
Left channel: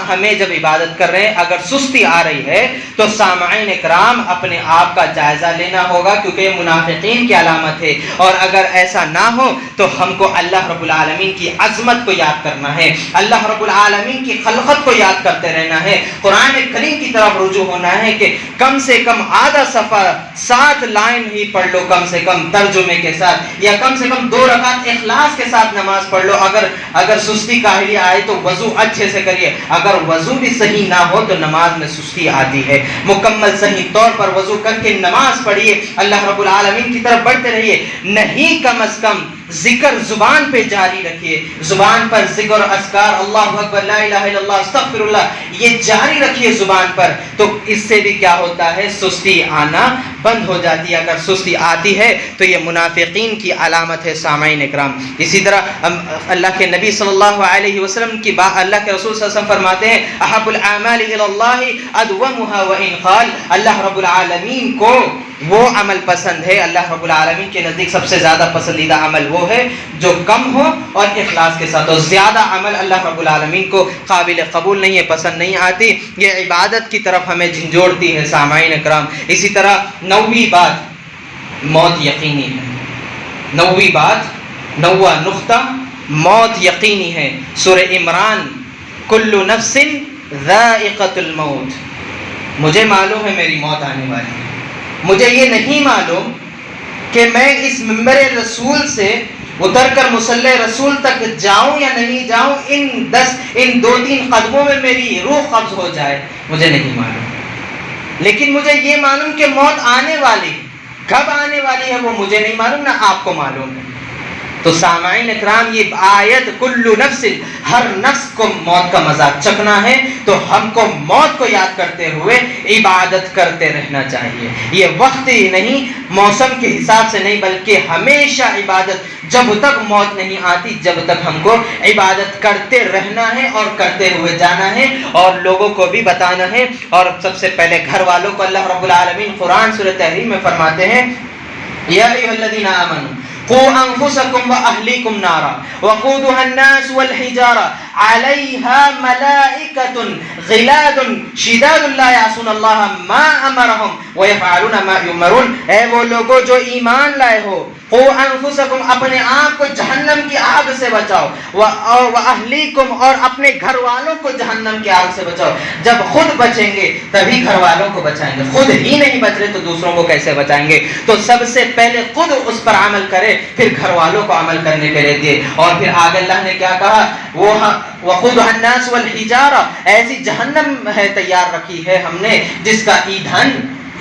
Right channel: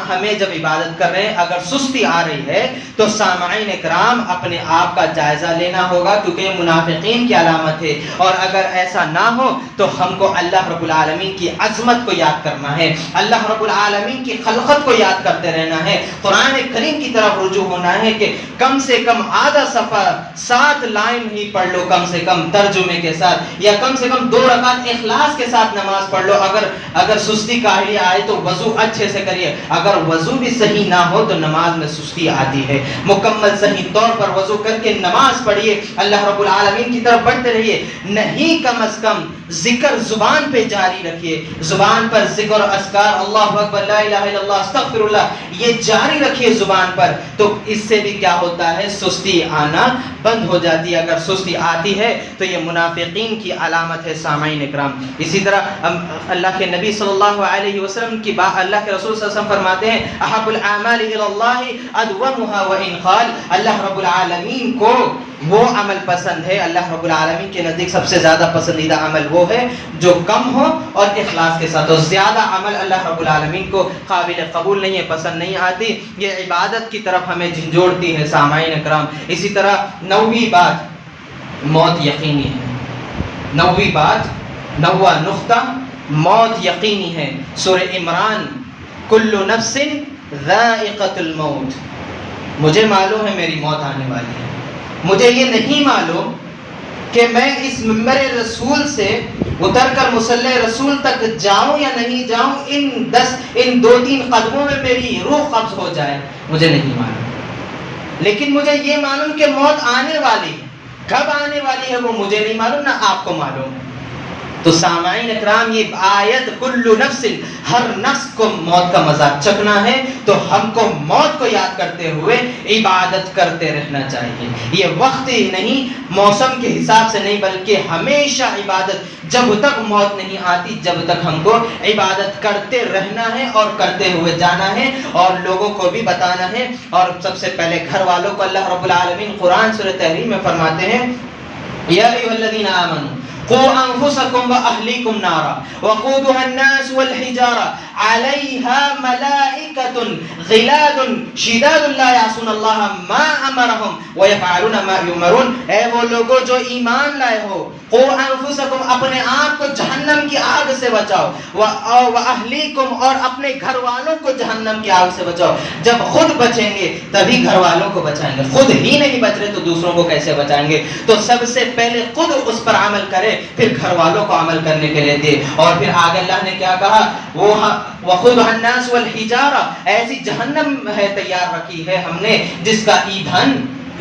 ہمیں جب عبادت کر رہے ہیں اگر سستی آ رہی ہے تو سامعین اکرام اپنے آپ کا جائزہ لینا ہوگا، کیونکہ یہ منافقین کی علامت ہے۔ اور اگر ایسا نہ ہو تو ہم کو اللہ رب العالمین کی عظمت کو یاد کرنا ہے، اللہ رب العالمین کی خلقت کو یاد کرتے رہنا ہے، قرآن کریم کی طرف رجوع ہونا ہے کہ کم سے کم آدھا صفحہ 7 لائن ہی پڑھ لو کم سے کم ترجمے کے ساتھ، یا کم سے کم 2 رکعت اخلاص کے ساتھ نماز پڑھ لو۔ اگر سستی کاہلی آئے تو وضو اچھے سے کریے، اگر وضو بھی صحیح نہ ہو تو نماز میں سستی آتی ہے، مکمل صحیح طور پر وضو کر کے نماز پڑھیے، اللہ رب العالمین کی طرف بڑھتے رہیے، نہیں کم از کم ذکر زبان پہ جاری رکھیے، زبان پر ذکر اذکار اللہ اکبر لا الہ الا اللہ استغفر اللہ یہ جاری رکھیے زبان پر، تو اس سے بھی کیا ہوتا ہے؟ سستی آنا بند ہو جاتی ہے۔ اگر سستی آتی ہے تو یہ منافقین کی علامت ہے سامعین اکرام۔ اسی طرح اللہ کے نبی صلی اللہ علیہ وسلم کی اللہ کے رسول صلی اللہ علیہ وسلم فرماتے ہیں احب الاعمال الی اللہ ادومها وان قال، اللہ رب العالمین کو وہ عمل پسند ہے، اللہ رب العالمین کے نزدیک سب سے زیادہ پسندیدہ عمل وہ ہے جو کم ہو اور اخلاص کے ساتھ ہو، زیادہ عمل اللہ رب العالمین کو قابل قبول نہیں ہے، پسند نہیں آتی، یہ عبادت کی طرف ہمیں جھنجھوڑتی ہے سامعین اکرام۔ اسی طرح 9ویں بات، موت یقینی ہے، 9ویں بات، 9واں نقطہ، موت یقینی ہے۔ سورہ عمران، کل نفس ذائقۃ الموت، مجھے معلوم ہے میری موت آنے والی ہے، مجھے یہ نہیں معلوم کہ میں اس ممبر رسول سے اتر کر مصلی رسول تک جاؤں یا نہیں جاؤں، ان 2-3 قدموں میں میری روح قبض ہو جائے، مجھے نہیں معلوم، لیکن مجھے یہ معلوم کہ موت آنے والی، کب آنے والی ہے وہ مجھے نہیں معلوم، نہ آپ کو معلوم ہے۔ تو سامعین اکرام یہ آیت کل نفس، ہر نفس کو موت کا مذاق چکھنا ہے، تو ہم کو موت کو یاد کرتے ہوئے عبادت کرتے رہنا چاہیے۔ یہ وقت ہی نہیں، موسم کے حساب سے نہیں، بلکہ ہمیشہ عبادت، جب تک موت نہیں آتی جب تک ہم کو عبادت کرتے رہنا ہے اور کرتے ہوئے جانا ہے، اور لوگوں کو بھی بتانا ہے، اور سب سے پہلے گھر والوں کو اللہ رب العالمین قرآن سورہ تحریم میں فرماتے ہیں یا ایھا الذین آمنوا قوا انفسکم واہلیکم نارا وقودها الناس والحجارہ علیہا ملائکۃ غلاظ شداد لا یعصون اللہ ما امرہم ویفعلون ما یؤمرون، اے وہ لوگوں جو ایمان لائے ہو، قوا انفسکم، اپنے آپ کو جہنم کی آگ سے بچاؤ، واہلیکم، اور اپنے گھر والوں کو جہنم کی آگ سے بچاؤ۔ جب خود بچیں گے تبھی گھر والوں کو بچائیں گے، خود ہی نہیں بچ رہے تو دوسروں کو کیسے بچائیں گے؟ تو سب سے پہلے خود اس پر عمل کرے، پھر گھر والوں کو عمل کرنے کے لیے دے۔ اور پھر آگے اللہ نے کیا کہا؟ وہ وقودها الناس والحجارہ، ایسی جہنم ہے تیار رکھی ہے ہم نے جس کا ایندھن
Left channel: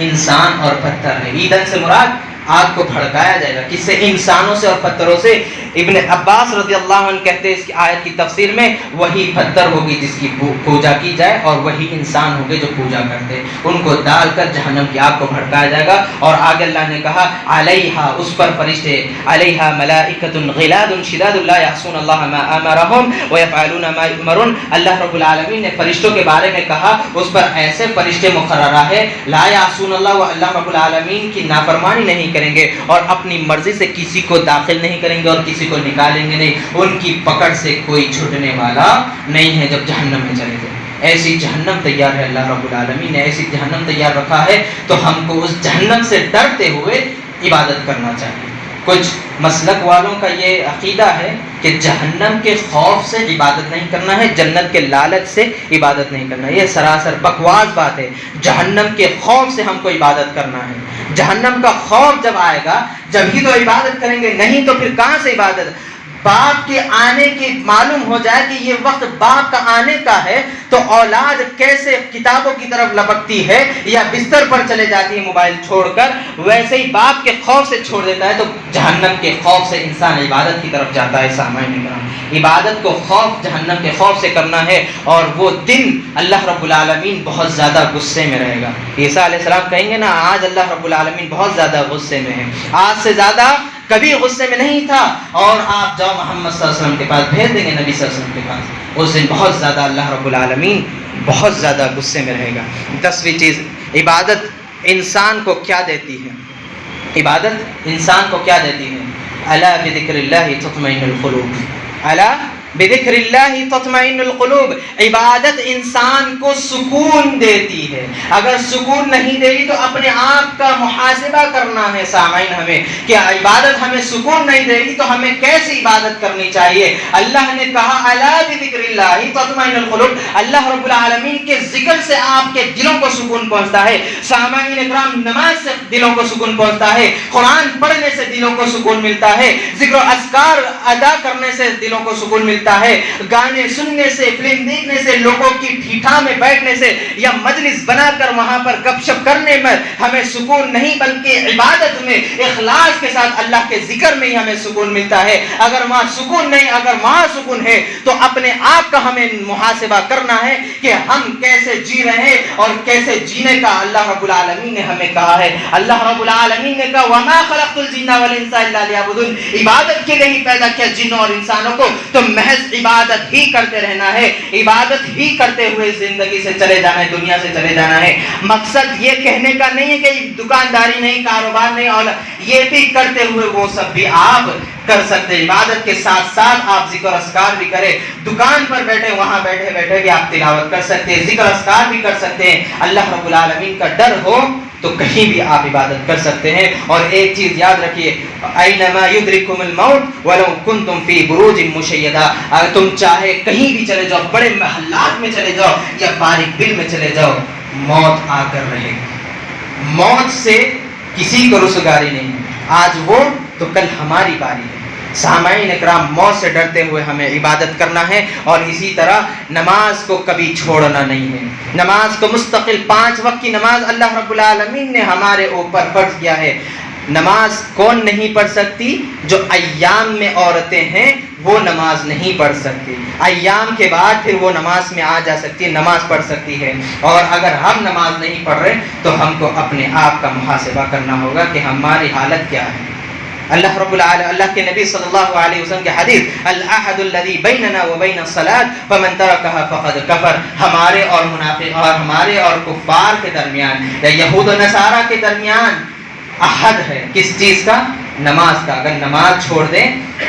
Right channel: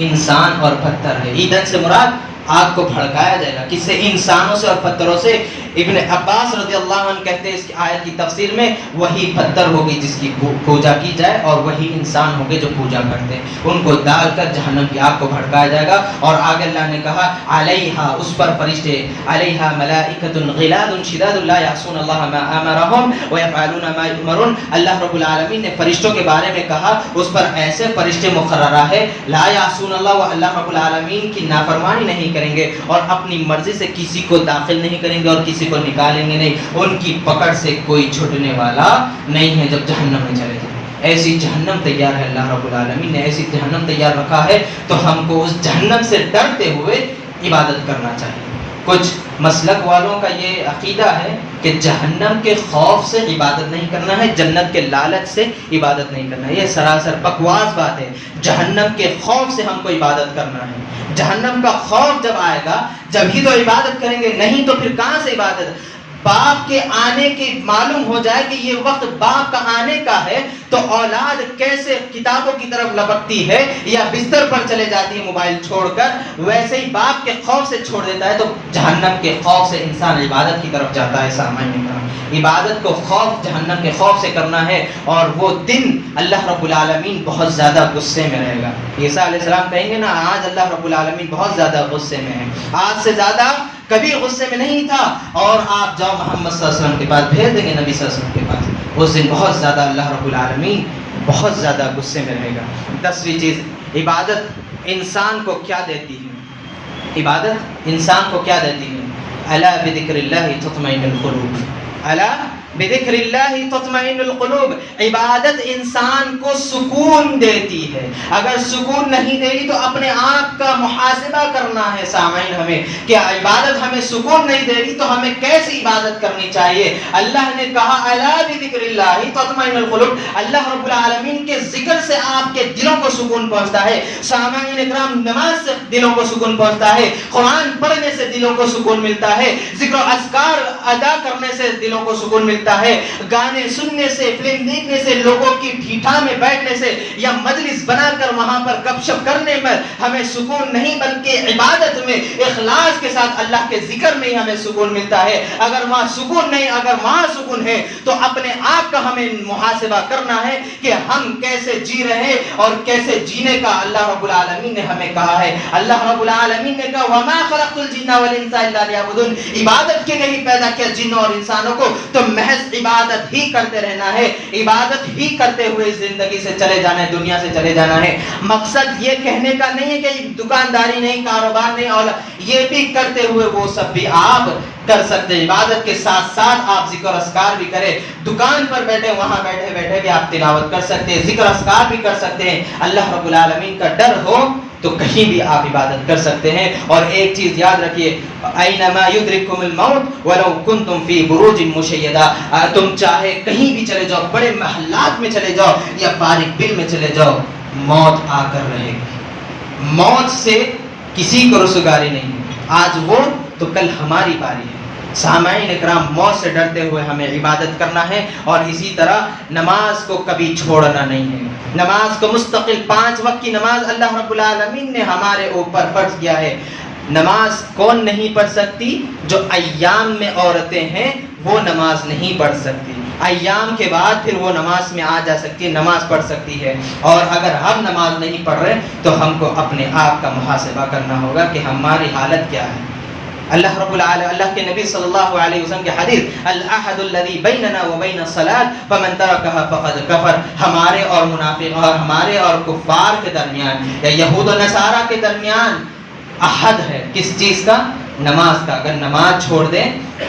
انسان اور پتھر ہے۔ ایندھن سے مراد آگ کو بھڑکایا جائے گا، کس سے؟ انسانوں سے اور پتھروں سے۔ ابن عباس رضی اللہ عنہ کہتے ہیں اس کی آیت کی تفسیر میں وہی پتھر ہوگی جس کی پوجا کی جائے، اور وہی انسان ہوگے جو پوجا کرتے ہیں، ان کو ڈال کر جہنم کی آگ کو بھڑکایا جائے گا۔ اور آگے اللہ نے کہا علیہا، اس پر فرشتے، علیہا ملائکۃ غلاظ شداد لا یعصون اللہ ما امرہم ویفعلون ما یؤمرون، اللہ رب العالمین نے فرشتوں کے بارے میں کہا اس پر ایسے فرشتے مقررہ ہے لا یعصون اللہ، وہ اللہ رب العالمین کی نافرمانی نہیں کریں گے اور اپنی مرضی سے کسی کو داخل نہیں کریں گے اور کسی کو نکالیں گے نہیں، ان کی پکڑ سے کوئی چھوٹنے والا نہیں ہے جب جہنم میں چلے جائیں۔ ایسی جہنم تیار ہے، اللہ رب العالمین نے ایسی جہنم تیار رکھا ہے، تو ہم کو اس جہنم سے ڈرتے ہوئے عبادت کرنا چاہیے۔ کچھ مسلک والوں کا یہ عقیدہ ہے کہ جہنم کے خوف سے عبادت نہیں کرنا ہے، جنت کے لالچ سے عبادت نہیں کرنا ہے، یہ سراسر بکواس بات ہے۔ جہنم کے خوف سے ہم کو عبادت کرنا ہے، جہنم کا خوف جب آئے گا جب ہی تو عبادت کریں گے، نہیں تو پھر کہاں سے عبادت؟ باپ کے آنے کی معلوم ہو جائے کہ یہ وقت باپ کا آنے کا ہے تو اولاد کیسے کتابوں کی طرف لپکتی ہے یا بستر پر چلے جاتی ہے موبائل چھوڑ کر، ویسے ہی باپ کے خوف سے چھوڑ دیتا ہے تو جہنم کے خوف سے انسان عبادت کی طرف جاتا ہے۔ سامعین، عبادت کو خوف جہنم کے خوف سے کرنا ہے، اور وہ دن اللہ رب العالمین بہت زیادہ غصے میں رہے گا۔ عیسیٰ علیہ السلام کہیں گے نا آج اللہ رب العالمین بہت زیادہ غصے میں ہے، آج سے زیادہ کبھی غصے میں نہیں تھا، اور آپ جاؤ محمد صلی اللہ علیہ وسلم کے پاس، بھیج دیں گے نبی صلی اللہ علیہ وسلم کے پاس، اس دن بہت زیادہ اللہ رب العالمین بہت زیادہ غصے میں رہے گا۔ 10ویں چیز، عبادت انسان کو کیا دیتی ہے؟ عبادت انسان کو کیا دیتی ہے؟ الا بذکر اللہ تطمئن القلوب، الا بذکر اللہ تطمئن القلوب، عبادت انسان کو سکون دیتی ہے۔ اگر سکون نہیں دے گی تو اپنے آپ کا محاسبہ کرنا ہے سامعین ہمیں، کہ عبادت ہمیں سکون نہیں دے گی تو ہمیں کیسی عبادت کرنی چاہیے۔ اللہ نے کہا الا بذکر اللہ تطمئن القلوب، اللہ رب العالمین کے ذکر سے آپ کے دلوں کو سکون پہنچتا ہے۔ سامعین اکرام، نماز سے دلوں کو سکون پہنچتا ہے، قرآن پڑھنے سے دلوں کو سکون ملتا ہے، ذکر و اذکار ادا کرنے سے دلوں کو سکون ملتا ہے، گانے سننے سے، فلم دیکھنے سے، لوگوں کی ٹھیٹھا میں بیٹھنے سے یا مجلس بنا کر وہاں پر گپ شپ کرنے میں ہمیں سکون نہیں، بلکہ عبادت میں اخلاص کے ساتھ اللہ کے ذکر میں ہی ہمیں سکون ملتا ہے۔ اگر وہاں سکون نہیں، اگر وہاں سکون ہے تو اپنے آپ کا ہمیں محاسبہ کرنا ہے کہ ہم کیسے جی رہے ہیں اور کیسے جینے کا اللہ رب العالمین نے ہمیں کہا ہے۔ اللہ رب العالمین نے کہا وما خلقت الجن والانس الا لیعبدون، عبادت کے لیے ہی پیدا کیا جنوں اور انسانوں کو، تو محض عبادت ہی کرتے رہنا ہے، عبادت ہی کرتے ہوئے زندگی سے چلے جانا ہے، دنیا سے چلے جانا ہے۔ مقصد یہ کہنے کا نہیں ہے کہ دکانداری نہیں، کاروبار نہیں، اور یہ بھی کرتے ہوئے وہ سب بھی آپ کر سکتے ہیں۔ عبادت کے ساتھ ساتھ آپ ذکر اذکار بھی کریں، دکان پر بیٹھے وہاں بیٹھے بیٹھے بھی آپ تلاوت کر سکتے ہیں، ذکر اذکار بھی کر سکتے ہیں۔ اللہ رب العالمین کا ڈر ہو تو کہیں بھی آپ عبادت کر سکتے ہیں۔ اور ایک چیز یاد رکھیے، اینما یدرککم الموت ولو کنتم فی بروج مشیدہ، تم چاہے کہیں بھی چلے جاؤ، بڑے محلات میں چلے جاؤ یا باریک بل میں چلے جاؤ، موت آ کر رہے گی۔ موت سے کسی کو رسوگاری نہیں، آج وہ تو کل ہماری باری ہے۔ سامعین اکرام، موت سے ڈرتے ہوئے ہمیں عبادت کرنا ہے، اور اسی طرح نماز کو کبھی چھوڑنا نہیں ہے۔ نماز کو مستقل 5 وقت کی نماز اللہ رب العالمین نے ہمارے اوپر فرض کیا ہے۔ نماز کون نہیں پڑھ سکتی؟ جو ایام میں عورتیں ہیں وہ نماز نہیں پڑھ سکتی، ایام کے بعد پھر وہ نماز میں آ جا سکتی ہے، نماز پڑھ سکتی ہے۔ اور اگر ہم نماز نہیں پڑھ رہے تو ہم کو اپنے آپ کا محاسبہ کرنا ہوگا کہ ہماری حالت کیا ہے۔ اللہ رب العالمین، اللہ کے نبی صلی اللہ علیہ وسلم کے حدیث العہد الذی بیننا وبین الصلاۃ فمن ترکها فقد کفر، ہمارے اور منافق اور ہمارے اور کفار کے درمیان یا یہود و نصارہ کے درمیان عہد ہے، کس چیز کا؟ نماز کا۔ اگر نماز چھوڑ دیں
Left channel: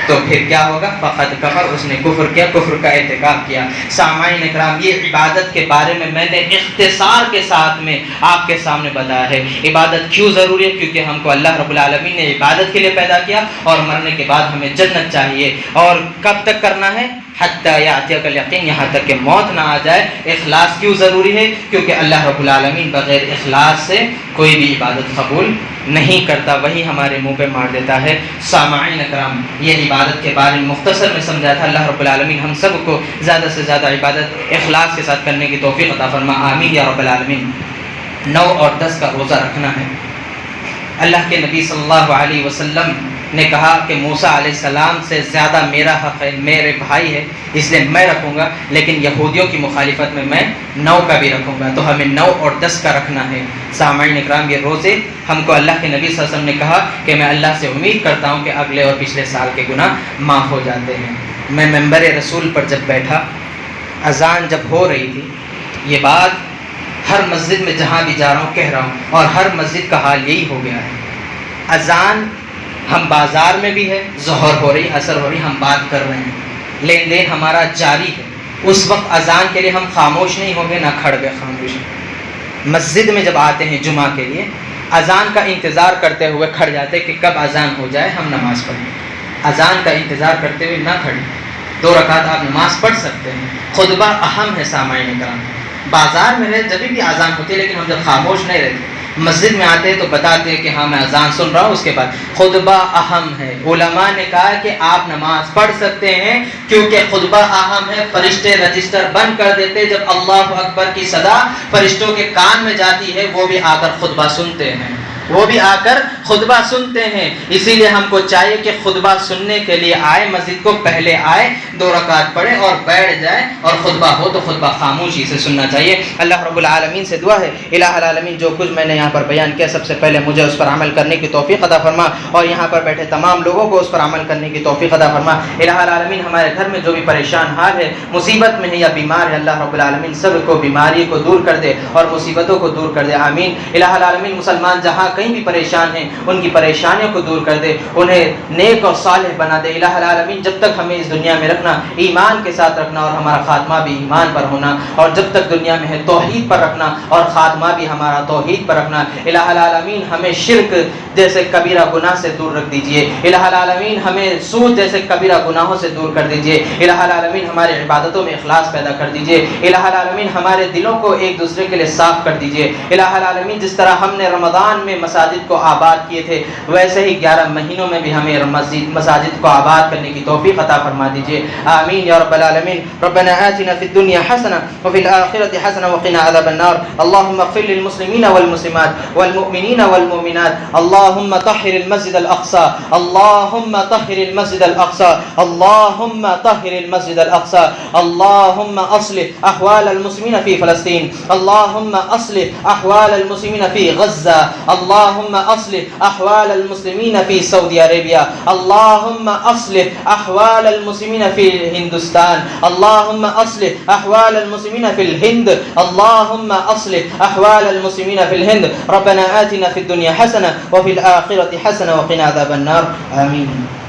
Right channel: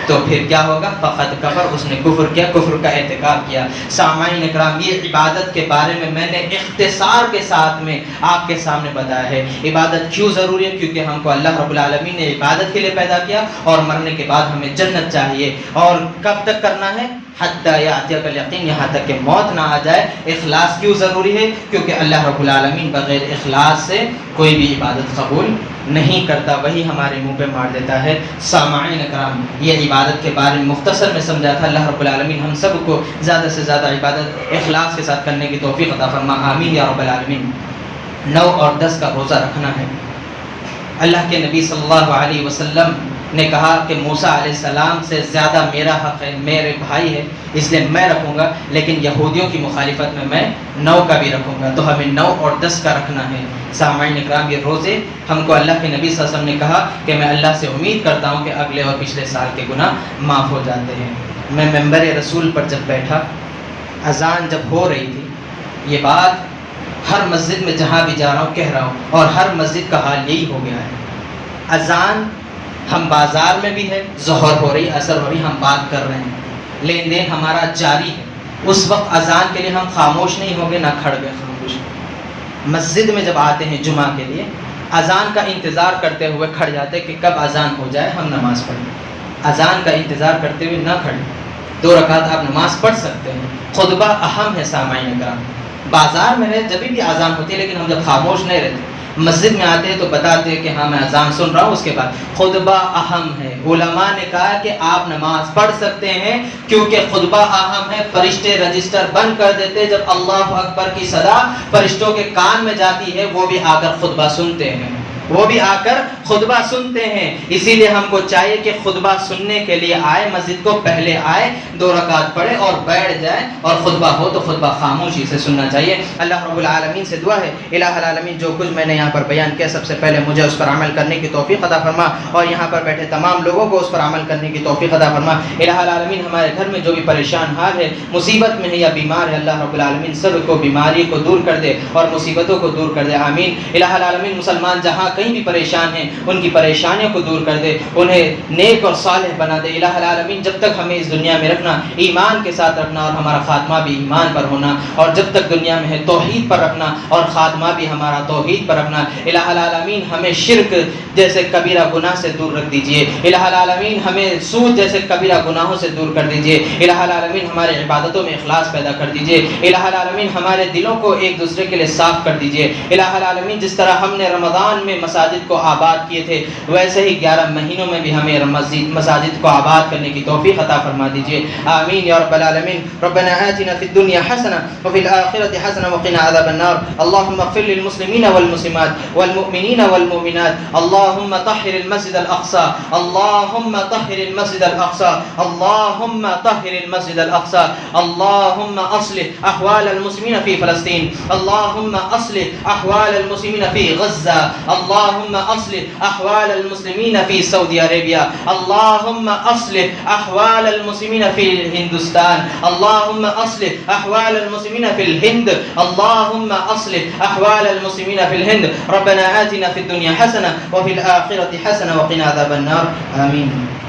تو پھر کیا ہوگا؟ فقد کفر، اس نے کفر کیا، کفر کا ارتکاب کیا۔ سامعین اکرام، یہ عبادت کے بارے میں نے اختصار کے ساتھ میں آپ کے سامنے بتایا ہے۔ عبادت کیوں ضروری ہے؟ کیونکہ ہم کو اللہ رب العالمین نے عبادت کے لیے پیدا کیا، اور مرنے کے بعد ہمیں جنت چاہیے۔ اور کب تک کرنا ہے؟ حتی یاتیک الیقین، یہاں تک کہ موت نہ آ جائے۔ اخلاص کیوں ضروری ہے؟ کیونکہ اللہ رب العالمین بغیر اخلاص سے کوئی بھی عبادت قبول نہیں کرتا، وہی ہمارے منہ پہ مار دیتا ہے۔ سامعین اکرام، یہ عبادت کے بارے میں مختصر میں سمجھا تھا۔ اللہ رب العالمین ہم سب کو زیادہ سے زیادہ عبادت اخلاص کے ساتھ کرنے کی توفیق عطا فرما، آمین یا رب العالمین۔ 9 اور 10 کا روزہ رکھنا ہے۔ اللہ کے نبی صلی اللہ علیہ وسلم نے کہا کہ موسیٰ علیہ السلام سے زیادہ میرا حق ہے، میرے بھائی ہے، اس لیے میں رکھوں گا، لیکن یہودیوں کی مخالفت میں 9 کا بھی رکھوں گا۔ تو ہمیں 9 اور 10 کا رکھنا ہے۔ سامعین اکرام، یہ روزے ہم کو اللہ کے نبی صلی اللہ علیہ وسلم نے کہا کہ میں اللہ سے امید کرتا ہوں کہ اگلے اور پچھلے سال کے گناہ معاف ہو جاتے ہیں۔ میں منبر رسول پر جب بیٹھا، اذان جب ہو رہی تھی، یہ بات ہر مسجد میں جہاں بھی جا رہا ہوں کہہ رہا ہوں، اور ہر مسجد کا حال یہی ہو گیا ہے۔ اذان ہم بازار میں بھی ہے، ظہر ہو رہی، عصر ہو رہی، ہم بات کر رہے ہیں، لین دین ہمارا جاری ہے۔ اس وقت اذان کے لیے ہم خاموش نہیں ہوں گے، نہ کھڑ گئے خاموش۔ مسجد میں جب آتے ہیں جمعہ کے لیے، اذان کا انتظار کرتے ہوئے کھڑ جاتے کہ کب اذان ہو جائے ہم نماز پڑھیں۔ اذان کا انتظار کرتے ہوئے نہ کھڑیں، 2 رکعت آپ نماز پڑھ سکتے ہیں۔ خطبہ اہم ہے سامعین کرام۔ بازار میں رہے جب بھی اذان ہوتی ہے، لیکن ہم جب خاموش نہیں رہتے، مسجد میں آتے ہیں تو بتاتے ہیں کہ ہاں میں اذان سن رہا ہوں، اس کے بعد خطبہ اہم ہے۔ علماء نے کہا کہ آپ نماز پڑھ سکتے ہیں کیونکہ خطبہ اہم ہے۔ فرشتے رجسٹر بند کر دیتے، جب اللہ اکبر کی صدا فرشتوں کے کان میں جاتی ہے وہ بھی آ کر خطبہ سنتے ہیں، وہ بھی آ کر خطبہ سنتے ہیں۔ اسی لیے ہم کو چاہیے کہ خطبہ سننے کے لیے آئے، مسجد کو پہلے آئے، 2 رکعت پڑھے اور بیٹھ جائے، اور خطبہ ہو تو خطبہ خاموشی سے سننا چاہیے۔ اللہ رب العالمین سے دعا ہے الہ العالمین جو کچھ میں نے یہاں پر بیان کیا سب سے پہلے مجھے اس پر عمل کرنے کی توفیق عطا فرما، اور یہاں پر بیٹھے تمام لوگوں کو اس پر عمل کرنے کی توفیق عطا فرما۔ الہ العالمین ہمارے گھر میں جو بھی پریشان حال ہے، مصیبت میں ہے یا بیمار ہے، اللہ رب العالمین سب کو بیماری کو دور کر دے اور مصیبتوں کو دور کر دے، آمین۔ الہ العالمین مسلمان جہاں کہیں بھی پریشان ہیں ان کی پریشانیوں کو دور کر دے، انہیں نیک اور صالح بنا دے۔ الہ العالمین جب تک ہمیں اس دنیا میں رکھنا، ایمان کے ساتھ رکھنا اور ہمارا خاتمہ بھی ایمان پر ہونا، اور جب تک دنیا میں ہے توحید پر رکھنا اور خاتمہ بھی ہمارا توحید پر رکھنا۔ الہ العالمین ہمیں شرک جیسے کبیرہ گناہ سے دور رکھ دیجئے، الہ العالمین ہمیں سود جیسے کبیرہ گناہوں سے دور کر دیجئے، الہ العالمین ہمارے عبادتوں میں اخلاص پیدا کر دیجئے، الہ العالمین ہمارے دلوں کو ایک دوسرے کے لیے صاف کر دیجئے، الہ العالمین جس طرح ہم نے رمضان میں مساجد کو آباد کیے تھے ویسے ہی 11 مہینوں میں بھی ہمیں مساجد کو آباد کرنے کی توفیق عطا فرما دیجئے، آمین یا رب العالمین۔ ربنا آتنا فی الدنیا حسنہ وفی الآخرۃ حسنہ وقنا عذاب النار، اللهم اغفر للمسلمین والمسلمات والمؤمنین والمؤمنات، اللهم طهر المسجد الأقصى، اللهم طهر المسجد الأقصى، اللهم طهر المسجد الأقصى، اللهم أصلح أحوال المسلمين في فلسطين، اللهم أصلح أحوال المسلمين في غزة، اللهم أصلح أحوال المسلمين في سعودي عربية، اللهم أصلح أحوال المسلمين في الهندوستان، اللهم أصلح أحوال المسلمين في الهند، اللهم أصلح أحوال المسلمين في الهند، ربنا آتنا في الدنيا حسنة وفي الآخرة حسنة وقنا عذاب النار، آمين۔